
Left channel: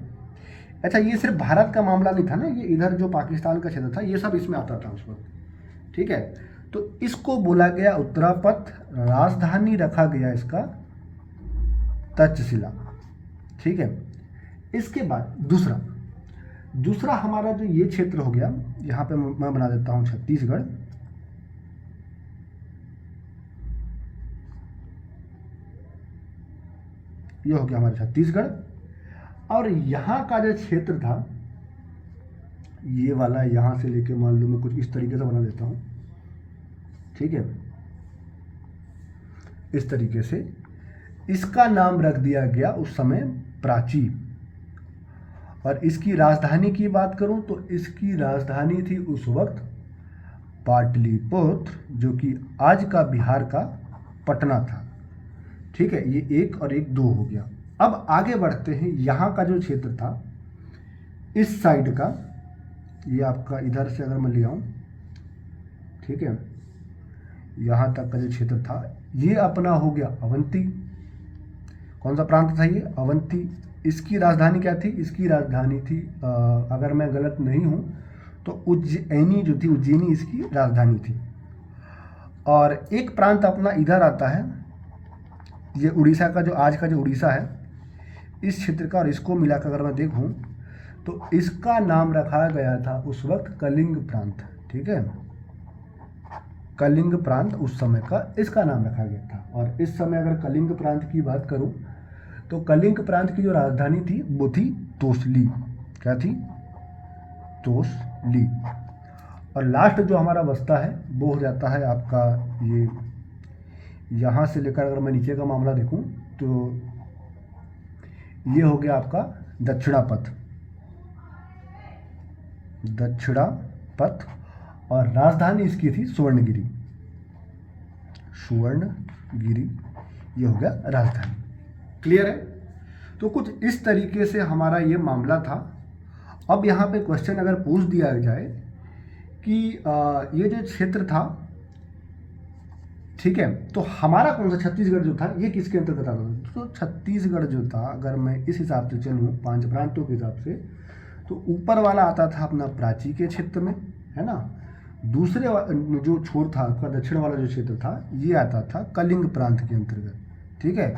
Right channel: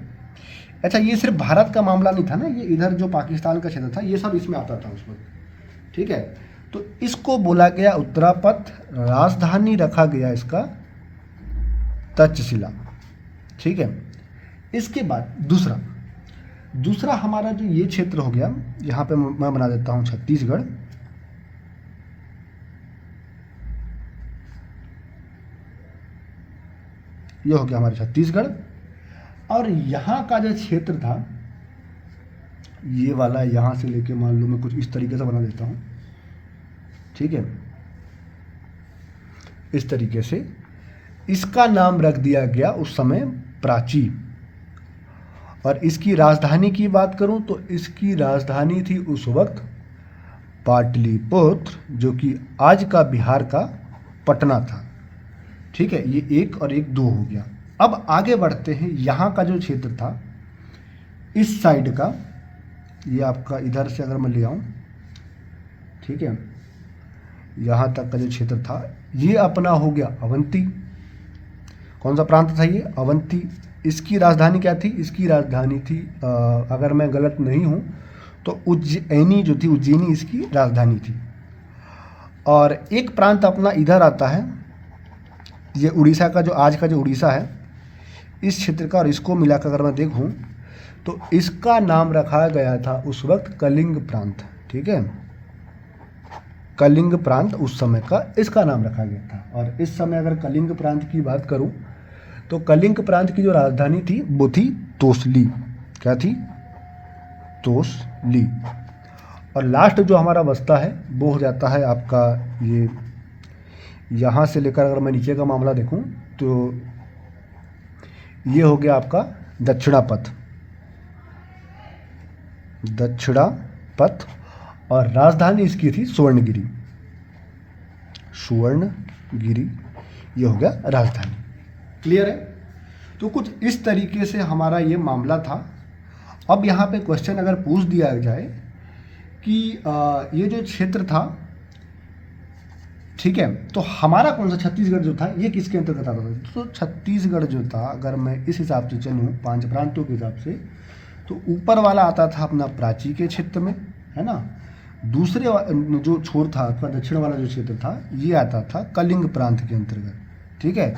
अच्छा, ये सिर्फ भारत का मामला नहीं था ना, ये इधर जो पाकिस्तान का क्षेत्र था ये सब इसमें आता था उस वक्त। ठीक है, तो इसको बोला गया उत्तरापथ, राजधानी रखा गया इसका तक्षशिला। ठीक है, इसके बाद दूसरा हमारा जो ये क्षेत्र हो गया, यहाँ पे मैं बना देता हूँ छत्तीसगढ़। ये हो गया हमारा छत्तीसगढ़, और यहाँ का जो क्षेत्र था ये वाला, यहाँ से लेके मान लो मैं कुछ इस तरीके से बना देता हूँ। ठीक है, इस तरीके से इसका नाम रख दिया गया उस समय प्राची। और इसकी राजधानी की बात करूं तो इसकी राजधानी थी उस वक्त पाटलिपुत्र, जो कि आज का बिहार का पटना था। ठीक है, ये 1 और 1 2 हो गया। अब आगे बढ़ते हैं। यहाँ का जो क्षेत्र था इस साइड का, ये आपका इधर से अगर मैं ले आऊँ, ठीक है, यहाँ तक का जो क्षेत्र था ये अपना हो गया अवंती। कौन सा प्रांत था ये, अवंती। इसकी राजधानी क्या थी, इसकी राजधानी थी अगर मैं गलत नहीं हूँ तो उज्जैनी जो थी, उज्जैनी इसकी राजधानी थी। और एक प्रांत अपना इधर आता है, ये उड़ीसा का, जो आज का जो उड़ीसा है इस क्षेत्र का, और इसको मिलाकर अगर मैं देखूँ तो इसका नाम रखा गया था उस वक्त कलिंग प्रांत। ठीक है, कलिंग प्रांत उस समय का इसका नाम रखा गया था। और इस समय अगर कलिंग प्रांत की बात करूं तो कलिंग प्रांत की जो राजधानी थी वो थी तोसली। क्या थी, तोसली। और लास्ट जो हमारा बस्ता है वो हो जाता है आपका ये, यहाँ से लेकर अगर मैं नीचे का मामला देखूं तो ये हो गया आपका दक्षिणापथ। दक्षिणापथ, और राजधानी इसकी थी सुवर्णगिरी। सुवर्णगिरी, ये हो गया राजधानी। क्लियर है। तो कुछ इस तरीके से हमारा ये मामला था। अब यहाँ पे क्वेश्चन अगर पूछ दिया जाए कि ये जो क्षेत्र था, ठीक है, तो हमारा कौन सा छत्तीसगढ़ जो था ये किसके अंतर्गत आता था? तो छत्तीसगढ़ जो था, अगर मैं इस हिसाब से चलूँ 5 प्रांतों के हिसाब से, तो ऊपर वाला आता था अपना प्राची के क्षेत्र में, है ना। दूसरे जो छोर था आपका दक्षिण वाला जो क्षेत्र था ये आता था कलिंग प्रांत के अंतर्गत, ठीक है।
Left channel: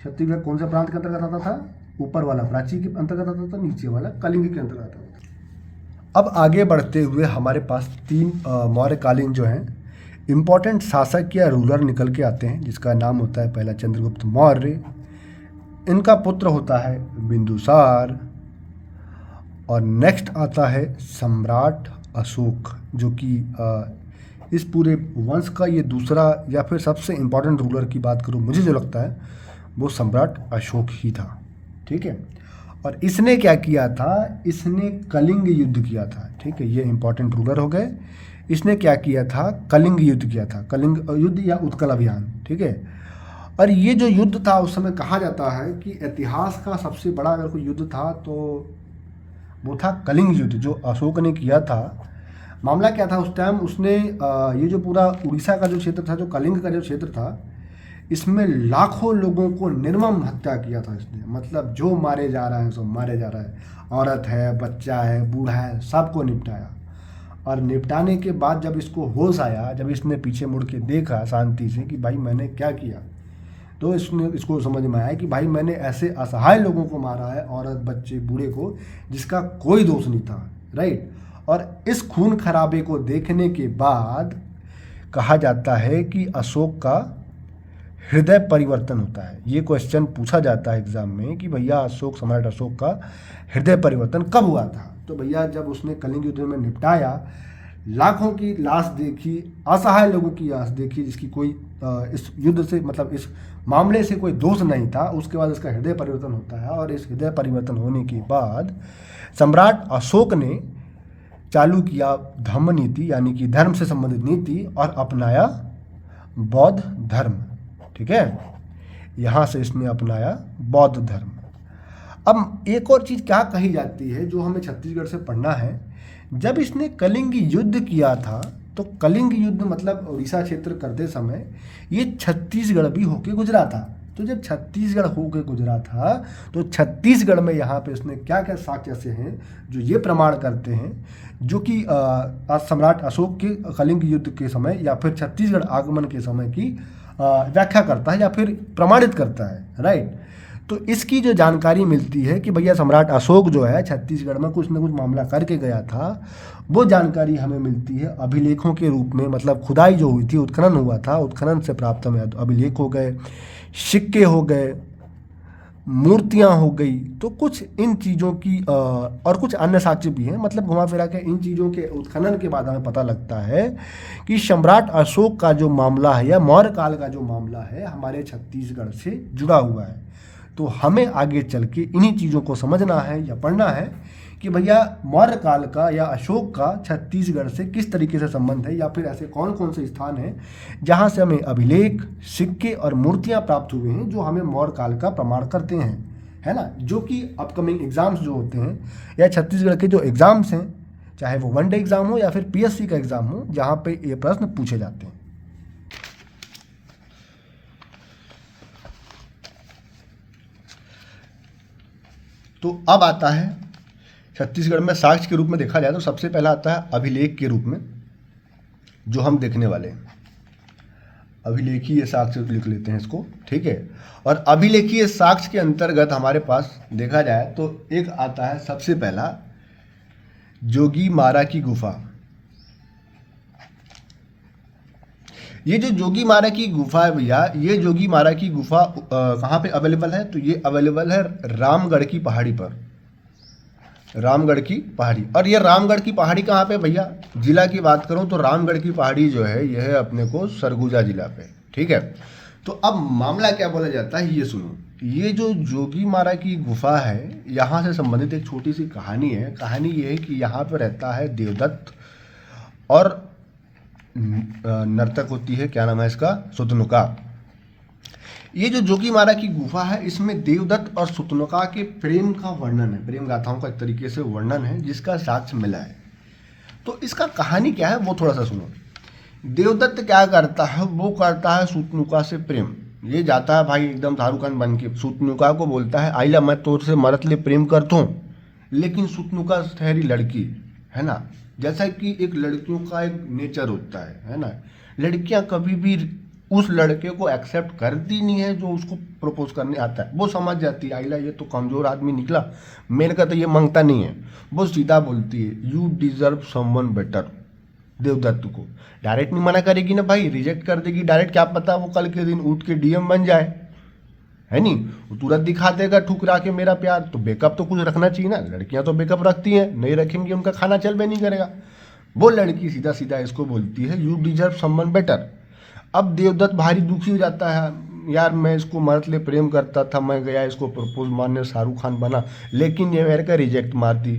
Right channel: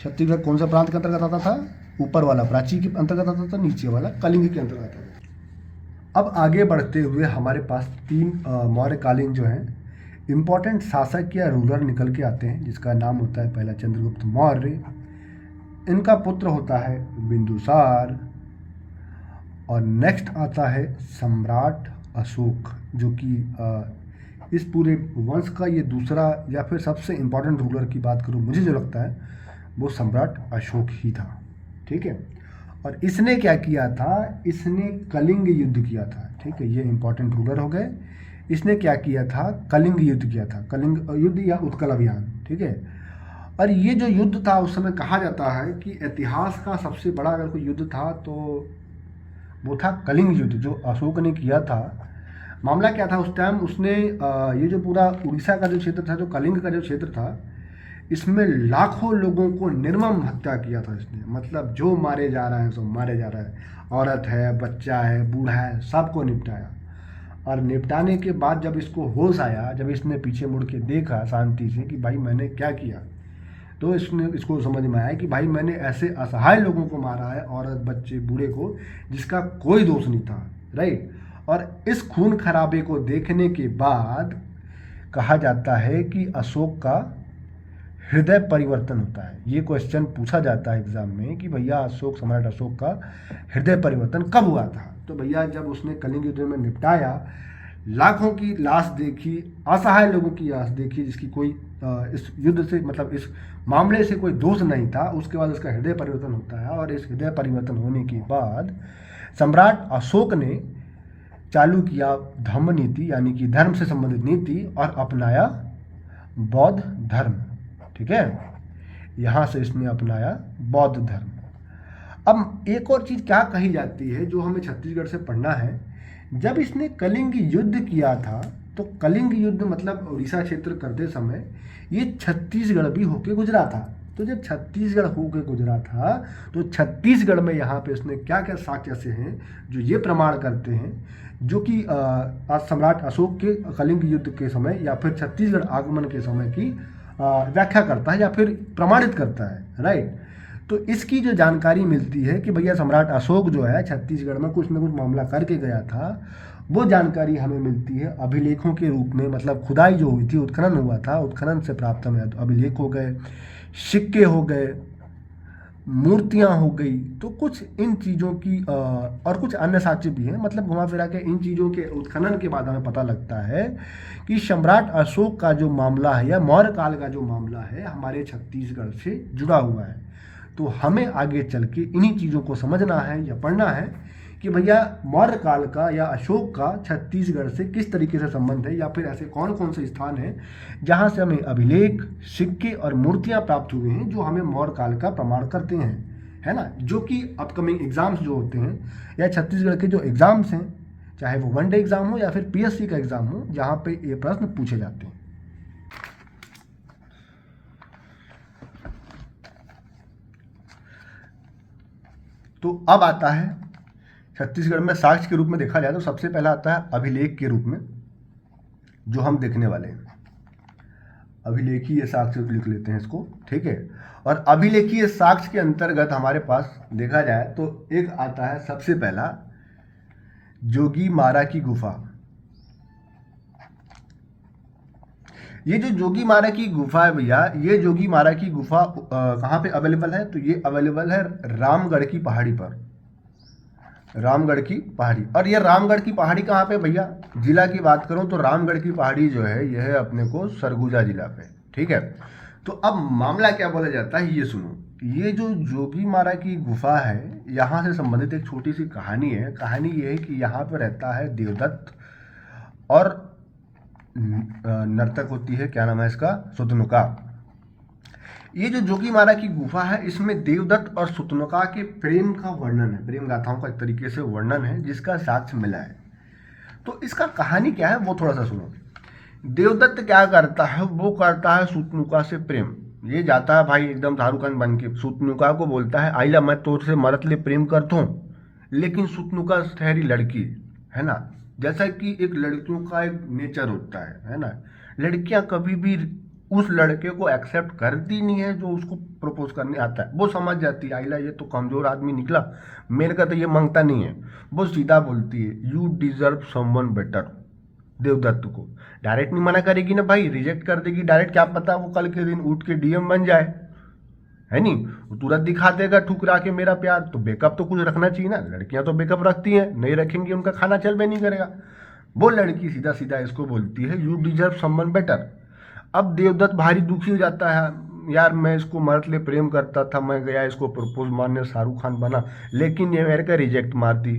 छत्तीसगढ़ कौन सा प्रांत के अंतर्गत आता था? ऊपर वाला प्राची के अंतर्गत आता था, नीचे वाला कलिंग के अंतर्गत आता था। अब आगे बढ़ते हुए हमारे पास 3 मौर्यकालीन जो हैं इम्पॉर्टेंट शासक या रूलर निकल के आते हैं, जिसका नाम होता है पहला चंद्रगुप्त मौर्य, इनका पुत्र होता है बिंदुसार, और नेक्स्ट आता है सम्राट अशोक, जो कि इस पूरे वंश का ये दूसरा या फिर सबसे इम्पोर्टेंट रूलर की बात करूँ, मुझे जो लगता है वो सम्राट अशोक ही था, ठीक है। और इसने क्या किया था? इसने कलिंग युद्ध किया था, ठीक है। ये इम्पोर्टेंट रूलर हो गए। इसने क्या किया था? कलिंग युद्ध किया था, कलिंग युद्ध या उत्कल अभियान, ठीक है। और ये जो युद्ध था उस समय कहा जाता है कि इतिहास का सबसे बड़ा अगर कोई युद्ध था तो वो था कलिंग युद्ध, जो अशोक ने किया था। मामला क्या था उस टाइम? उसने ये जो पूरा उड़ीसा का जो क्षेत्र था, जो कलिंग का जो क्षेत्र था, इसमें लाखों लोगों को निर्मम हत्या किया था इसने। मतलब जो मारे जा रहा है सो मारे जा रहा है, औरत है, बच्चा है, बूढ़ा है, सबको निपटाया। और निपटाने के बाद जब इसको होश आया, जब इसने पीछे मुड़ के देखा शांति से कि भाई मैंने क्या किया, तो इसको समझ में आया कि भाई मैंने ऐसे असहाय लोगों को मारा है, औरत, बच्चे, बूढ़े को, जिसका कोई दोष नहीं था, राइट। और इस खून खराबे को देखने के बाद कहा जाता है कि अशोक का हृदय परिवर्तन होता है। ये क्वेश्चन पूछा जाता है एग्जाम में कि भैया अशोक, सम्राट अशोक का हृदय परिवर्तन कब हुआ था? तो भैया जब उसने कलिंग युद्ध में निपटाया, लाखों की लाश देखी, असहाय लोगों की लाश देखी, जिसकी कोई इस युद्ध से मतलब इस मामले से कोई दोष नहीं था, उसके बाद उसका हृदय परिवर्तन होता है। और इस हृदय परिवर्तन होने के बाद सम्राट अशोक ने चालू किया धम्म नीति, यानी कि धर्म से संबंधित नीति, और अपनाया बौद्ध धर्म, ठीक है। यहाँ से इसने अपनाया बौद्ध धर्म। अब एक और चीज़ क्या कही जाती है जो हमें छत्तीसगढ़ से पढ़ना है, जब इसने कलिंग युद्ध किया था तो कलिंग युद्ध मतलब उड़ीसा क्षेत्र करते समय ये छत्तीसगढ़ भी होके गुजरा था। तो जब छत्तीसगढ़ होके गुजरा था तो छत्तीसगढ़ में यहाँ पे उसने क्या क्या साक्ष्य ऐसे हैं जो ये प्रमाण करते हैं, जो कि सम्राट अशोक के कलिंग युद्ध के समय या फिर छत्तीसगढ़ आगमन के समय की व्याख्या करता है या फिर प्रमाणित करता है, राइट। तो इसकी जो जानकारी मिलती है कि भैया सम्राट अशोक जो है छत्तीसगढ़ में कुछ ना कुछ मामला करके गया था, वो जानकारी हमें मिलती है अभिलेखों के रूप में। मतलब खुदाई जो हुई थी, उत्खनन हुआ था, उत्खनन से प्राप्त हमें अभिलेख हो गए, सिक्के हो गए, मूर्तियाँ हो गई। तो कुछ इन चीज़ों की और कुछ अन्य साक्ष्य भी हैं। मतलब घुमा फिरा के इन चीज़ों के उत्खनन के बाद हमें पता लगता है कि सम्राट अशोक का जो मामला है या मौर्य काल का जो मामला है हमारे छत्तीसगढ़ से जुड़ा हुआ है। तो हमें आगे चल के इन्हीं चीज़ों को समझना है या पढ़ना है कि भैया मौर्य काल का या अशोक का छत्तीसगढ़ से किस तरीके से संबंध है, या फिर ऐसे कौन कौन से स्थान हैं जहाँ से हमें अभिलेख, सिक्के और मूर्तियाँ प्राप्त हुए हैं जो हमें मौर्य काल का प्रमाण करते हैं, है ना। जो कि अपकमिंग एग्जाम्स जो होते हैं या छत्तीसगढ़ के जो एग्ज़ाम्स हैं, चाहे वो वनडे एग्ज़ाम हो या फिर PSC का एग्ज़ाम हो, जहाँ पे ये प्रश्न पूछे जाते हैं। तो अब आता है छत्तीसगढ़ में साक्ष्य के रूप में देखा जाए तो सबसे पहला आता है अभिलेख के रूप में, जो हम देखने वाले हैं। अभिलेखीय साक्ष्य लिख लेते हैं इसको, ठीक है। और अभिलेखीय साक्ष्य के अंतर्गत हमारे पास देखा जाए तो एक आता है सबसे पहला जोगीमारा की गुफा। ये जो जोगीमारा की गुफा है भैया, ये जोगीमारा की गुफा कहाँ पे अवेलेबल है? तो ये अवेलेबल है रामगढ़ की पहाड़ी पर, रामगढ़ की पहाड़ी। और ये रामगढ़ की पहाड़ी कहाँ पे भैया? जिला की बात करूँ तो रामगढ़ की पहाड़ी जो है यह है अपने को सरगुजा जिला पे, ठीक है। तो अब मामला क्या बोला जाता है ये सुनो। ये जो जोगीमारा की गुफा है, यहाँ से संबंधित एक छोटी सी कहानी है। कहानी ये है कि यहाँ पे रहता है देवदत्त और नर्तक होती है, क्या नाम है इसका, सुतनुका। ये जो जोगीमारा की गुफा है इसमें देवदत्त और सुतनुका के प्रेम का वर्णन है, प्रेम गाथाओं का एक तरीके से वर्णन है जिसका साक्ष्य मिला है। तो इसका कहानी क्या है वो थोड़ा सा सुनो। देवदत्त क्या करता है, वो करता है सुतनुका से प्रेम। ये जाता है भाई एकदम शाहरुख खान बन के, सुतनुका को बोलता है आइला मैं तोर से मरत ले प्रेम करता हूँ। लेकिन सुतनुका ठहरी लड़की है ना, जैसा कि एक लड़कियों का एक नेचर होता है ना, लड़कियां कभी भी उस लड़के को एक्सेप्ट करती नहीं है जो उसको प्रपोज करने आता है। वो समझ जाती है आइला ये तो कमज़ोर आदमी निकला, मेरे का तो ये मांगता नहीं है। वो सीधा बोलती है you deserve someone better. Devdutt को डायरेक्ट नहीं मना करेगी ना भाई, रिजेक्ट कर देगी डायरेक्ट, क्या पता वो कल के दिन उठ के डीएम बन जाए, है नहीं, वो तुरंत दिखा देगा ठुकरा के मेरा प्यार। तो बैकअप तो कुछ रखना चाहिए ना, लड़कियां तो बैकअप रखती हैं, नहीं रखेंगी उनका खाना चल भी नहीं करेगा। वो लड़की सीधा सीधा इसको बोलती है यू डिजर्व समवन बेटर। अब देवदत्त भारी दुखी हो जाता है, यार मैं इसको मरत ले प्रेम करता था, मैं गया इसको प्रपोज मारने, शाहरुख खान बना, लेकिन ये मेरे का रिजेक्ट मारती।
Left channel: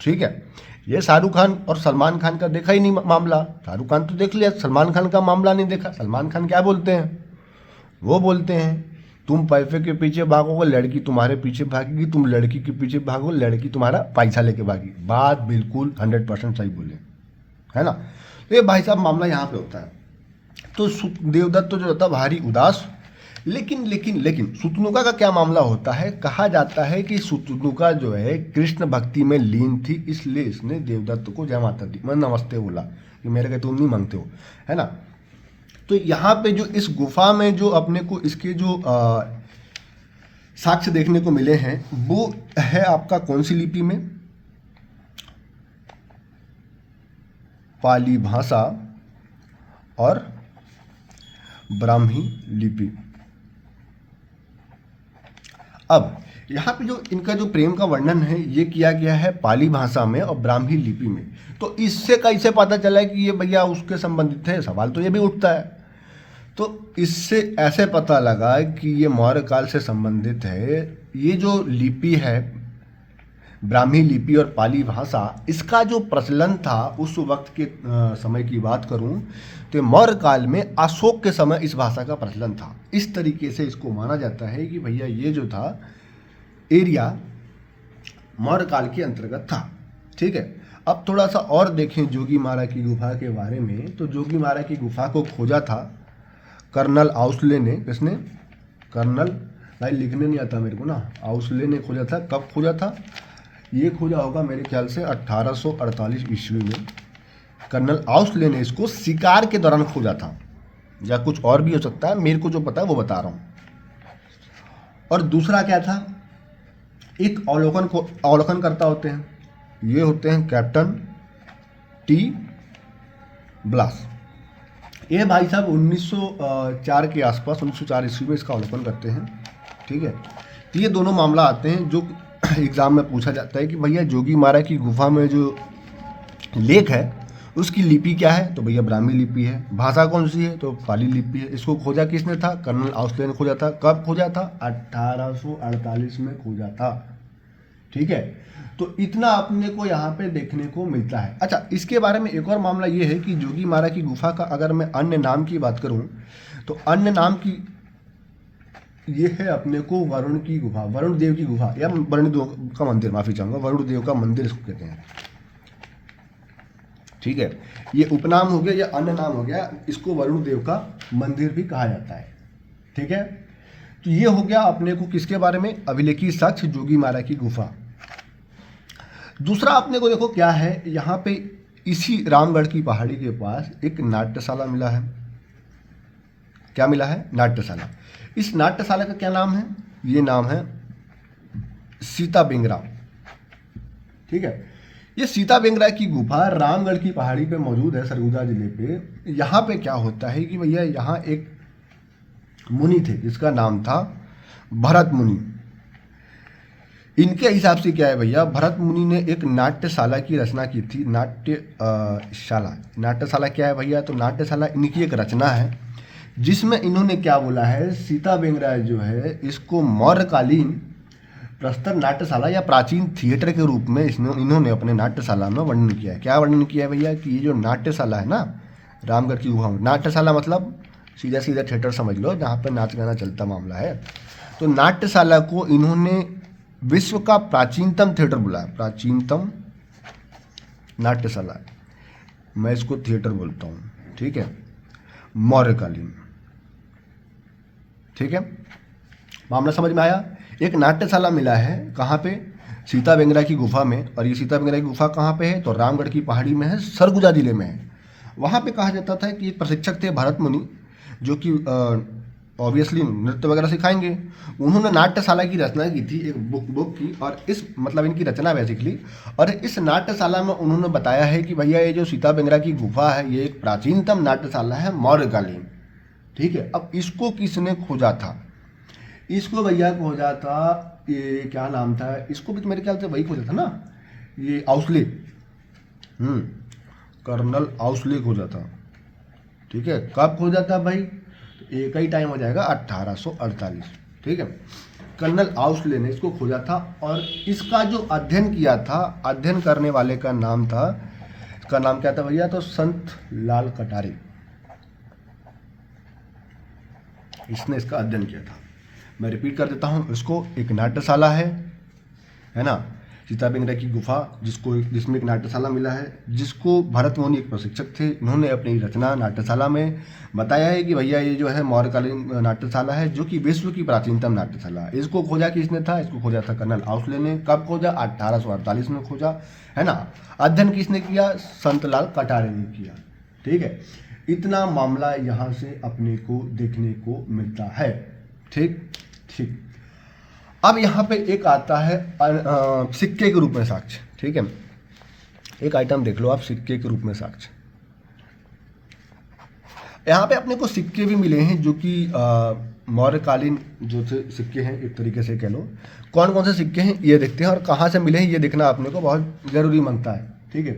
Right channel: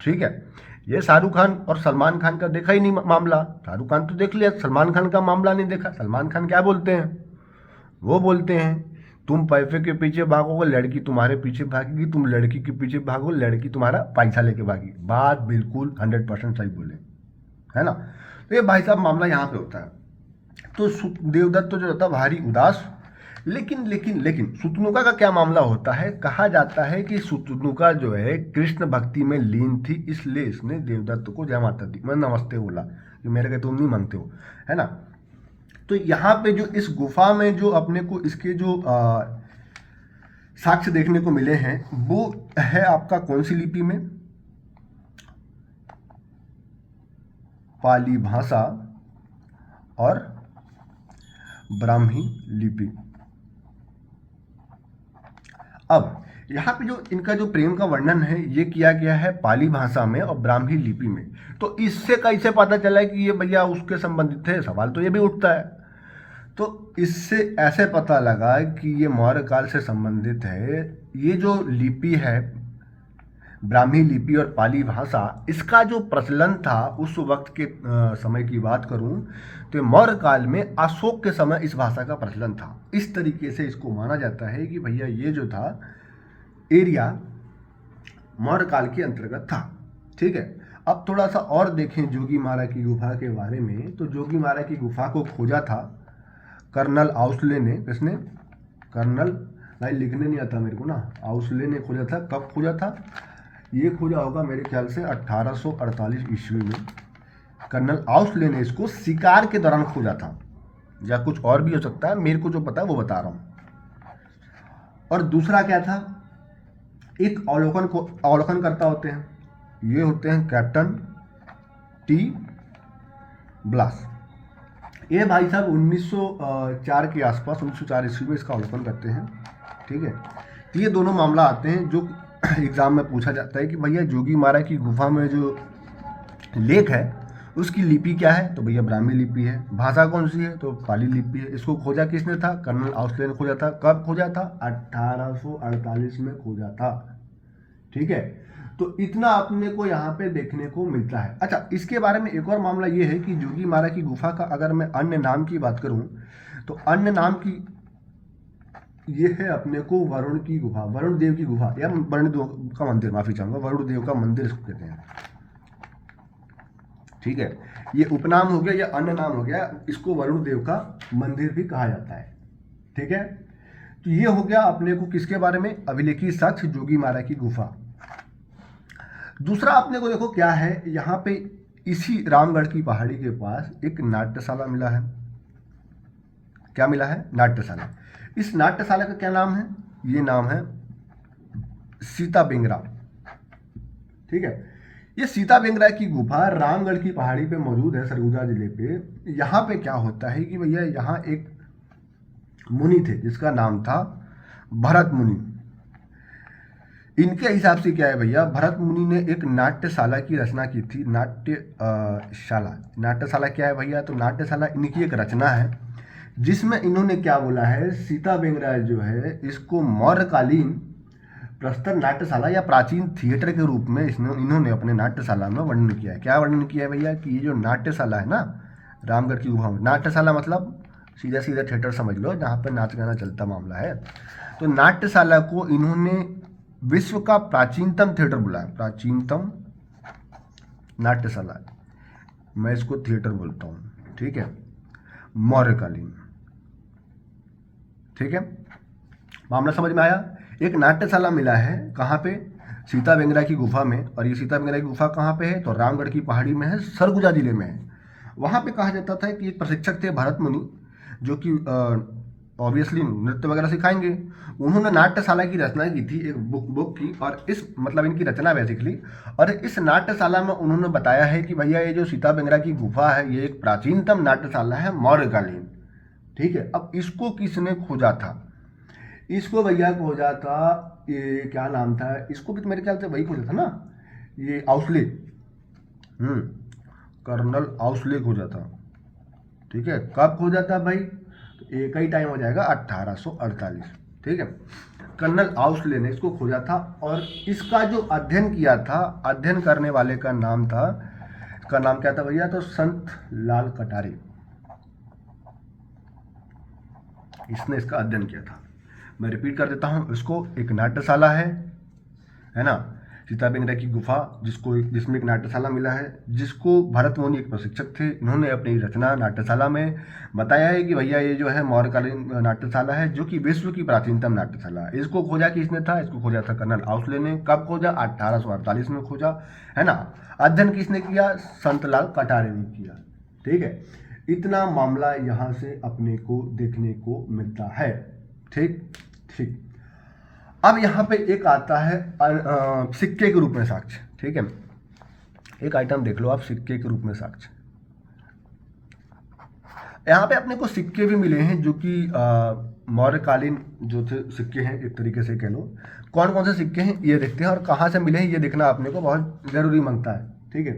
ठीक है, ये शाहरुख खान और सलमान खान का देखा ही नहीं मामला, शाहरुख खान तो देख लिया, सलमान खान का मामला नहीं देखा। सलमान खान क्या बोलते हैं, वो बोलते हैं तुम पैसे के पीछे भागोगे लड़की तुम्हारे पीछे भागेगी, तुम लड़की के पीछे भागो लड़की तुम्हारा पैसा लेके भागी। बात बिल्कुल 100% सही बोले, है ना। तो ये भाई साहब मामला यहाँ पे होता है। तो देवदत्त तो जो होता है भारी उदास। लेकिन लेकिन लेकिन सुतनुका का क्या मामला होता है, कहा जाता है कि सुतनुका जो है कृष्ण भक्ति में लीन थी, इसलिए इसने देवदत्त को जय माता दी मैं नमस्ते बोला कि मेरे को तुम नहीं मांगते हो, है ना। तो यहाँ पे जो इस गुफा में जो अपने को इसके जो साक्ष्य देखने को मिले हैं वो है आपका कौन सी लिपि में, पाली भाषा और ब्राह्मी लिपि। अब यहाँ पे जो इनका जो प्रेम का वर्णन है ये किया गया है पाली भाषा में और ब्राह्मी लिपि में। तो इससे कैसे पता चला कि ये भैया उसके संबंधित है, सवाल तो ये भी उठता है। तो इससे ऐसे पता लगा कि ये मौर्य काल से संबंधित है। ये जो लिपि है ब्राह्मी लिपि और पाली भाषा, इसका जो प्रचलन था उस वक्त के समय की बात करूं तो मौर्य काल में अशोक के समय इस भाषा का प्रचलन था। इस तरीके से इसको माना जाता है कि भैया ये जो था एरिया मौर्य काल के अंतर्गत था। ठीक है, अब थोड़ा सा और देखें जोगी मारा की गुफा के बारे में। तो जोगी मारा की गुफा को खोजा था कर्नल आउसले ने। किसने, कर्नल, भाई लिखने नहीं आता मेरे को ना, आउसले ने खोजा था। कब खोजा था, ये खोजा होगा मेरे ख्याल से 1848 ईस्वी में। कर्नल आउसले ने इसको शिकार के दौरान खोजा था, या कुछ और भी हो सकता है, मेरे को जो पता है वो बता रहा हूँ। और दूसरा क्या था, एक अवलोकन करता होते हैं, ये होते हैं कैप्टन टी ब्लास। ये भाई साहब 1904 के आसपास 1904 ईस्वी में इसका अवलोकन करते हैं। ठीक है, तो ये दोनों मामला आते हैं जो एग्ज़ाम में पूछा जाता है कि भैया जोगी मारा की गुफा में जो लेख है उसकी लिपि क्या है, तो भैया ब्राह्मी लिपि है। भाषा कौन सी है, तो पाली लिपि है। इसको खोजा किसने था, कर्नल आउसले ने खोजा था। कब खोजा था, 1848 में खोजा था। ठीक है, तो इतना अपने को यहाँ पे देखने को मिलता है। अच्छा, इसके बारे में एक और मामला ये है कि जोगी मारा की गुफा का अगर मैं अन्य नाम की बात करूँ तो अन्य नाम की ये है अपने को वरुण की गुफा, वरुण देव की गुफा, या वरुण देव का मंदिर, माफी चाहूंगा, वरुण देव का मंदिर इसको कहते हैं। ठीक है, ये उपनाम हो गया या अन्य नाम हो गया, इसको वरुण देव का मंदिर भी कहा जाता है। ठीक है, तो ये हो गया अपने को किसके बारे में, अभिलेखी साक्ष्य जोगी मारा की गुफा। दूसरा अपने को देखो क्या है, यहाँ पे इसी रामगढ़ की पहाड़ी के पास एक नाट्यशाला मिला है। क्या मिला है, नाट्यशाला। इस नाट्यशाला का क्या नाम है, ये नाम है सीता बेंगरा। ठीक है, ये सीता बेंगरा की गुफा रामगढ़ की पहाड़ी पे मौजूद है, सरगुजा जिले पे। यहाँ पे क्या होता है कि भैया यहाँ एक मुनि थे जिसका नाम था भरत मुनि। इनके हिसाब से क्या है भैया, भरत मुनि ने एक नाट्यशाला की रचना की थी। नाट्यशाला क्या है भैया, तो नाट्यशाला इनकी एक रचना है जिसमें इन्होंने क्या बोला है, सीता बेंगरा जो है इसको मौर्यकालीन प्रस्तर नाट्यशाला या प्राचीन थिएटर के रूप में इन्होंने अपने नाट्यशाला में वर्णन किया है। क्या वर्णन किया है भैया, कि ये जो नाट्यशाला है ना रामगढ़ की गुफा में, नाट्यशाला मतलब सीधा सीधा थिएटर समझ लो जहाँ पर नाच गाना चलता मामला है। तो नाट्यशाला को इन्होंने विश्व का प्राचीनतम थिएटर बोला है, प्राचीनतम नाट्यशाला, मैं इसको थिएटर बोलता हूँ। ठीक है, मौर्यकालीन। ठीक है, मामला समझ में आया। एक नाट्यशाला मिला है कहाँ पे, सीता बेंगरा की गुफा में। और ये सीता बेंगरा की गुफा कहाँ पे है, तो रामगढ़ की पहाड़ी में है, सरगुजा जिले में है। वहाँ पे कहा जाता था कि एक प्रशिक्षक थे भरत मुनि, जो कि ऑब्वियसली नृत्य वगैरह सिखाएंगे। उन्होंने नाट्यशाला की रचना की थी, एक बुक की, और इस मतलब इनकी रचना बेसिकली। और इस नाट्यशाला में उन्होंने बताया है कि भैया ये जो सीता बेंगरा की गुफा है ये एक प्राचीनतम नाट्यशाला है, मौर्यकालीन। ठीक है, अब इसको किसने खोजा था, इसको भैया खोजा था, ये क्या नाम था, इसको भी तो मेरे ख्याल से वही खोजा था ना, ये आउसले, कर्नल आउसले खोजा था। ठीक है, कब खोजा था भाई, तो एक ही टाइम हो जाएगा 1848। ठीक है, कर्नल आउसले ने इसको खोजा था। और इसका जो अध्ययन किया था, अध्ययन करने वाले का नाम था, इसका नाम क्या था भैया, तो संत लाल कटारे, इसने इसका अध्ययन किया था। मैं रिपीट कर देता हूँ इसको, एक नाट्यशाला है ना, सीता बेंगरा की गुफा जिसमें एक नाट्यशाला मिला है, जिसको भरत मुनि एक प्रशिक्षक थे, उन्होंने अपनी रचना नाट्यशाला में बताया है कि भैया ये जो है मौर्यकालीन नाट्यशाला है, जो कि विश्व की प्राचीनतम नाट्यशाला है। इसको खोजा किसने था, इसको खोजा था कर्नल आउसले ने। कब खोजा, 1848 में खोजा, है ना। अध्ययन किसने किया, संतलाल कटारे ने किया। ठीक है, इतना मामला यहाँ से अपने को देखने को मिलता है। ठीक ठीक, अब यहाँ पे एक आता है सिक्के के रूप में साक्ष्य। ठीक है, एक आइटम देख लो आप, सिक्के के रूप में साक्ष्य। यहाँ पे अपने को सिक्के भी मिले हैं जो कि मौर्यकालीन जो थे सिक्के हैं, एक तरीके से कह लो। कौन कौन से सिक्के हैं ये देखते हैं, और कहाँ से मिले हैं ये देखना अपने को बहुत ज़रूरी मांगता है। ठीक है,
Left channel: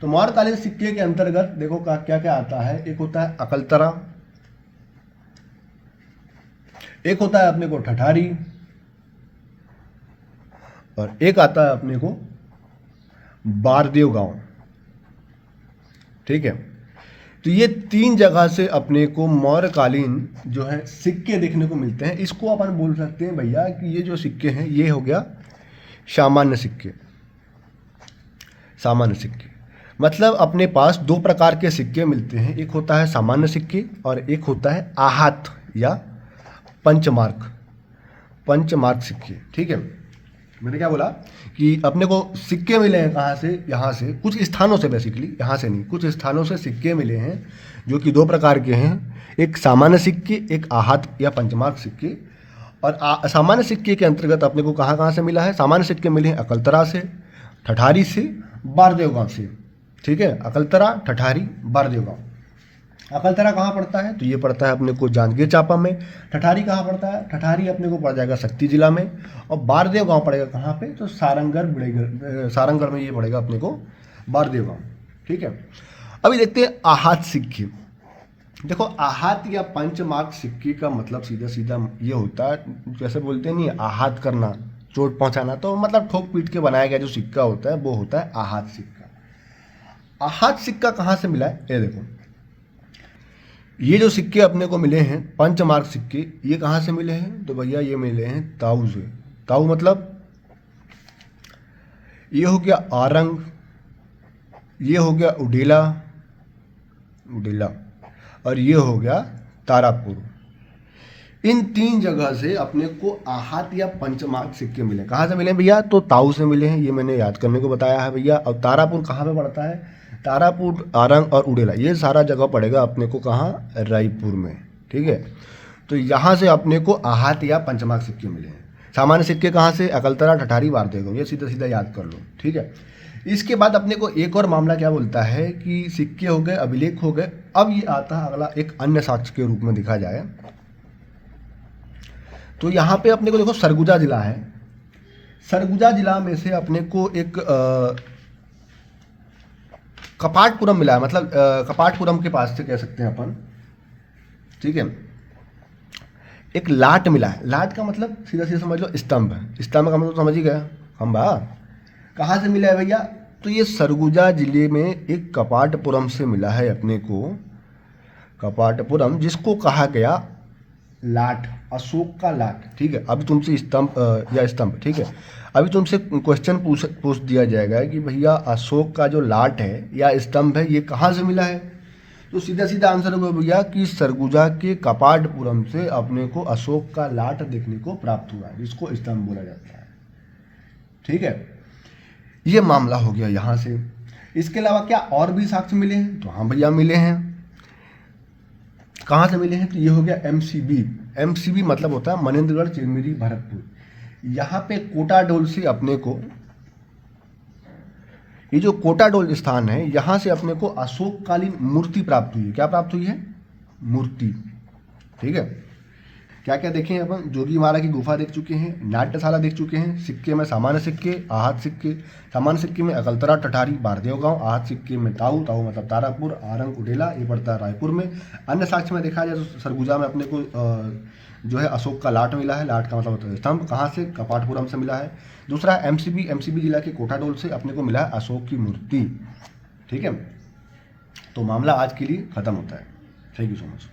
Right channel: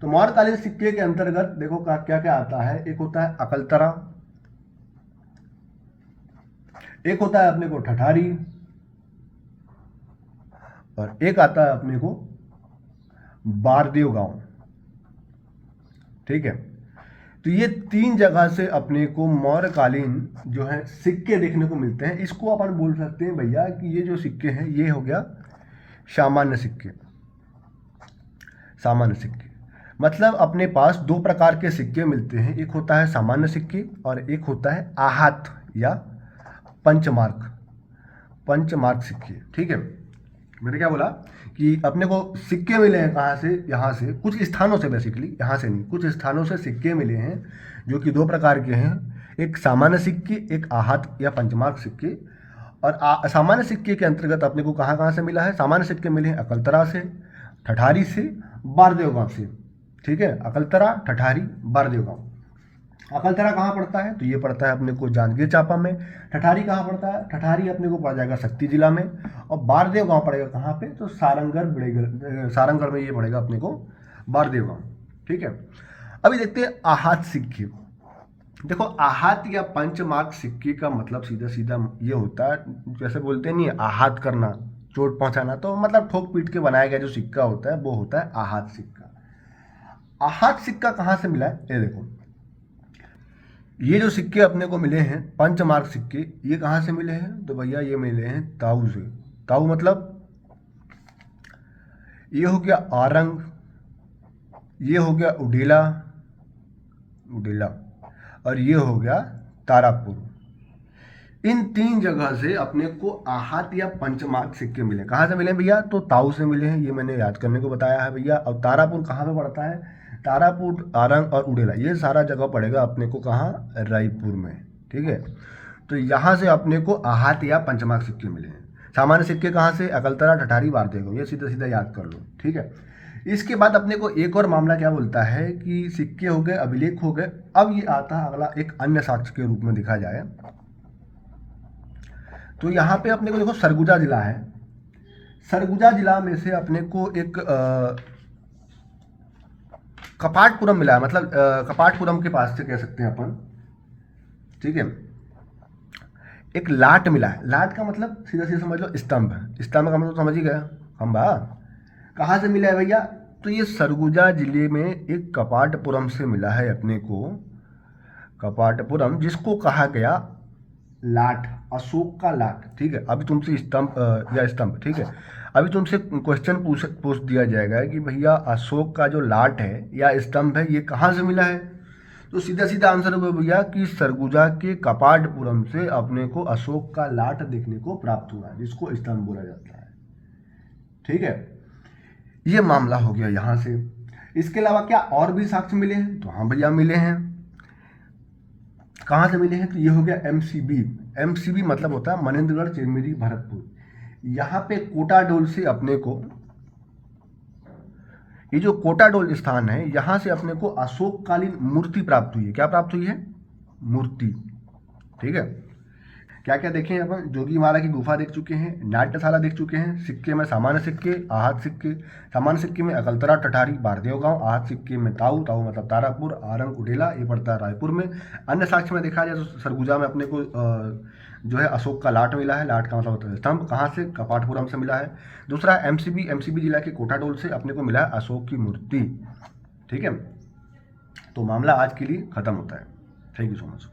तो मौर्यकालीन सिक्के के अंतर्गत देखो क्या क्या आता है। एक होता है अकलतरा, एक होता है अपने को ठठारी, और एक आता है अपने को बारदेव गांव। ठीक है, तो ये तीन जगह से अपने को मौर्यकालीन जो है सिक्के देखने को मिलते हैं। इसको अपन बोल सकते हैं भैया कि ये जो सिक्के हैं ये हो गया सामान्य सिक्के। सामान्य सिक्के मतलब अपने पास दो प्रकार के सिक्के मिलते हैं, एक होता है सामान्य सिक्के और एक होता है आहत या पंचमार्क सिक्के। ठीक है, मैंने क्या बोला कि अपने को सिक्के मिले हैं कहाँ से, यहाँ से कुछ स्थानों से, बेसिकली यहाँ से नहीं, कुछ स्थानों से सिक्के मिले हैं जो कि दो प्रकार के हैं, एक सामान्य सिक्के, एक आहत या पंचमार्क सिक्के। और सामान्य सिक्के के अंतर्गत अपने को कहाँ कहाँ से मिला है, सामान्य सिक्के मिले हैं अकलतरा से, ठठारी से, बारदेव गाँव से। ठीक है, अकलतरा, ठठारी, बारदेव गाँव। अकलतरा कहाँ पड़ता है, तो ये पड़ता है अपने को जांजगीर चांपा में। ठठारी कहाँ पड़ता है, ठठारी अपने को पड़ जाएगा शक्ति जिला में। और बारदेव गांव पड़ेगा कहाँ पे, तो सारंगढ़ में ये पड़ेगा अपने को बारदेव गांव। ठीक है, अभी देखते हैं आहत सिक्के। देखो आहत या पंचमार्क सिक्के का मतलब सीधा सीधा ये होता है, जैसे बोलते नहीं आहत करना, चोट पहुंचाना, तो मतलब ठोक पीट के बनाया गया जो सिक्का होता है वो होता है आहत सिक्का। आहत सिक्का कहाँ से मिला है, ये देखो, ये जो सिक्के अपने को मिले हैं पंचमार्क सिक्के, ये कहाँ से मिले हैं, तो भैया ये मिले हैं ताऊ से। ताऊ मतलब ये हो गया आरंग, ये हो गया उडेला, और ये हो गया तारापुर। इन तीन जगह से अपने को आहत या पंचमार्क सिक्के मिले। कहाँ से मिले भैया, तो ताऊ से मिले हैं, ये मैंने याद करने को बताया है भैया। और तारापुर कहाँ पे पड़ता है, तारापुर, आरंग और उडेला, ये सारा जगह पड़ेगा अपने को कहाँ, रायपुर में। ठीक है, तो यहाँ से अपने को आहत या पंचमार्क सिक्के मिले हैं। सामान्य सिक्के कहाँ से, अकलतरा, ठठारी, बारदेव गाँव, ये सीधा सीधा याद कर लो। ठीक है, इसके बाद अपने को एक और मामला क्या बोलता है कि सिक्के हो गए, अभिलेख हो गए। अब ये आता है अगला, एक अन्य साक्ष्य के रूप में देखा जाए तो यहाँ पे अपने को देखो सरगुजा जिला है। सरगुजा जिला में से अपने को एक कपाटपुरम मिला है, मतलब कपाटपुरम के पास से कह सकते हैं अपन। ठीक है, एक लाट मिला है। लाट का मतलब सीधा सीधा समझ लो स्तंभ है। स्तंभ का मतलब समझ ही गया, खंभा। कहाँ से मिला है भैया, तो ये सरगुजा जिले में एक कपाटपुरम से मिला है अपने को। कपाटपुरम जिसको कहा गया लाट, अशोक का लाट। ठीक है, अभी तुमसे स्तंभ, ठीक है, अभी तुमसे क्वेश्चन पूछ दिया जाएगा कि भैया अशोक का जो लाट है या स्तंभ है ये कहाँ से मिला है, तो सीधा सीधा आंसर होगा भैया कि सरगुजा के कपाटपुरम से अपने को अशोक का लाट देखने को प्राप्त हुआ, जिसको स्तंभ बोला जाता है। ठीक है, ये मामला हो गया यहाँ से। इसके अलावा क्या और भी साक्ष्य मिले हैं? तो हाँ भैया मिले हैं। कहाँ से मिले हैं? तो ये हो गया एमसीबी। एमसीबी मतलब होता है मनेंद्रगढ़, चिरमिरी, भरतपुर। यहाँ पे कोटाडोल से अपने को, ये जो कोटाडोल स्थान है, यहाँ से अपने को अशोककालीन मूर्ति प्राप्त हुई है। क्या प्राप्त हुई है? मूर्ति। ठीक है, क्या क्या देखे हैं अपन? जोगीमारा की गुफा देख चुके हैं, नाट्यशाला देख चुके हैं, सिक्के में सामान्य सिक्के, आहत सिक्के। सामान्य सिक्के में अकलतरा, टठारी, बारदेव गांव। आहत सिक्के में ताऊ, ताऊ मतलब तारापुर, आरंग, उडेला, ये पड़ता है रायपुर में। अन्य साक्ष्य में देखा जाए तो सरगुजा में अपने को जो है अशोक का लाट मिला है। लाट का मतलब होता है स्तंभ। कहाँ से? कपाटपुरम से मिला है। दूसरा एमसीबी, एमसीबी जिला के कोटाडोल से अपने को मिला है अशोक की मूर्ति। ठीक है, तो मामला आज के लिए खत्म होता है। Thank you so much.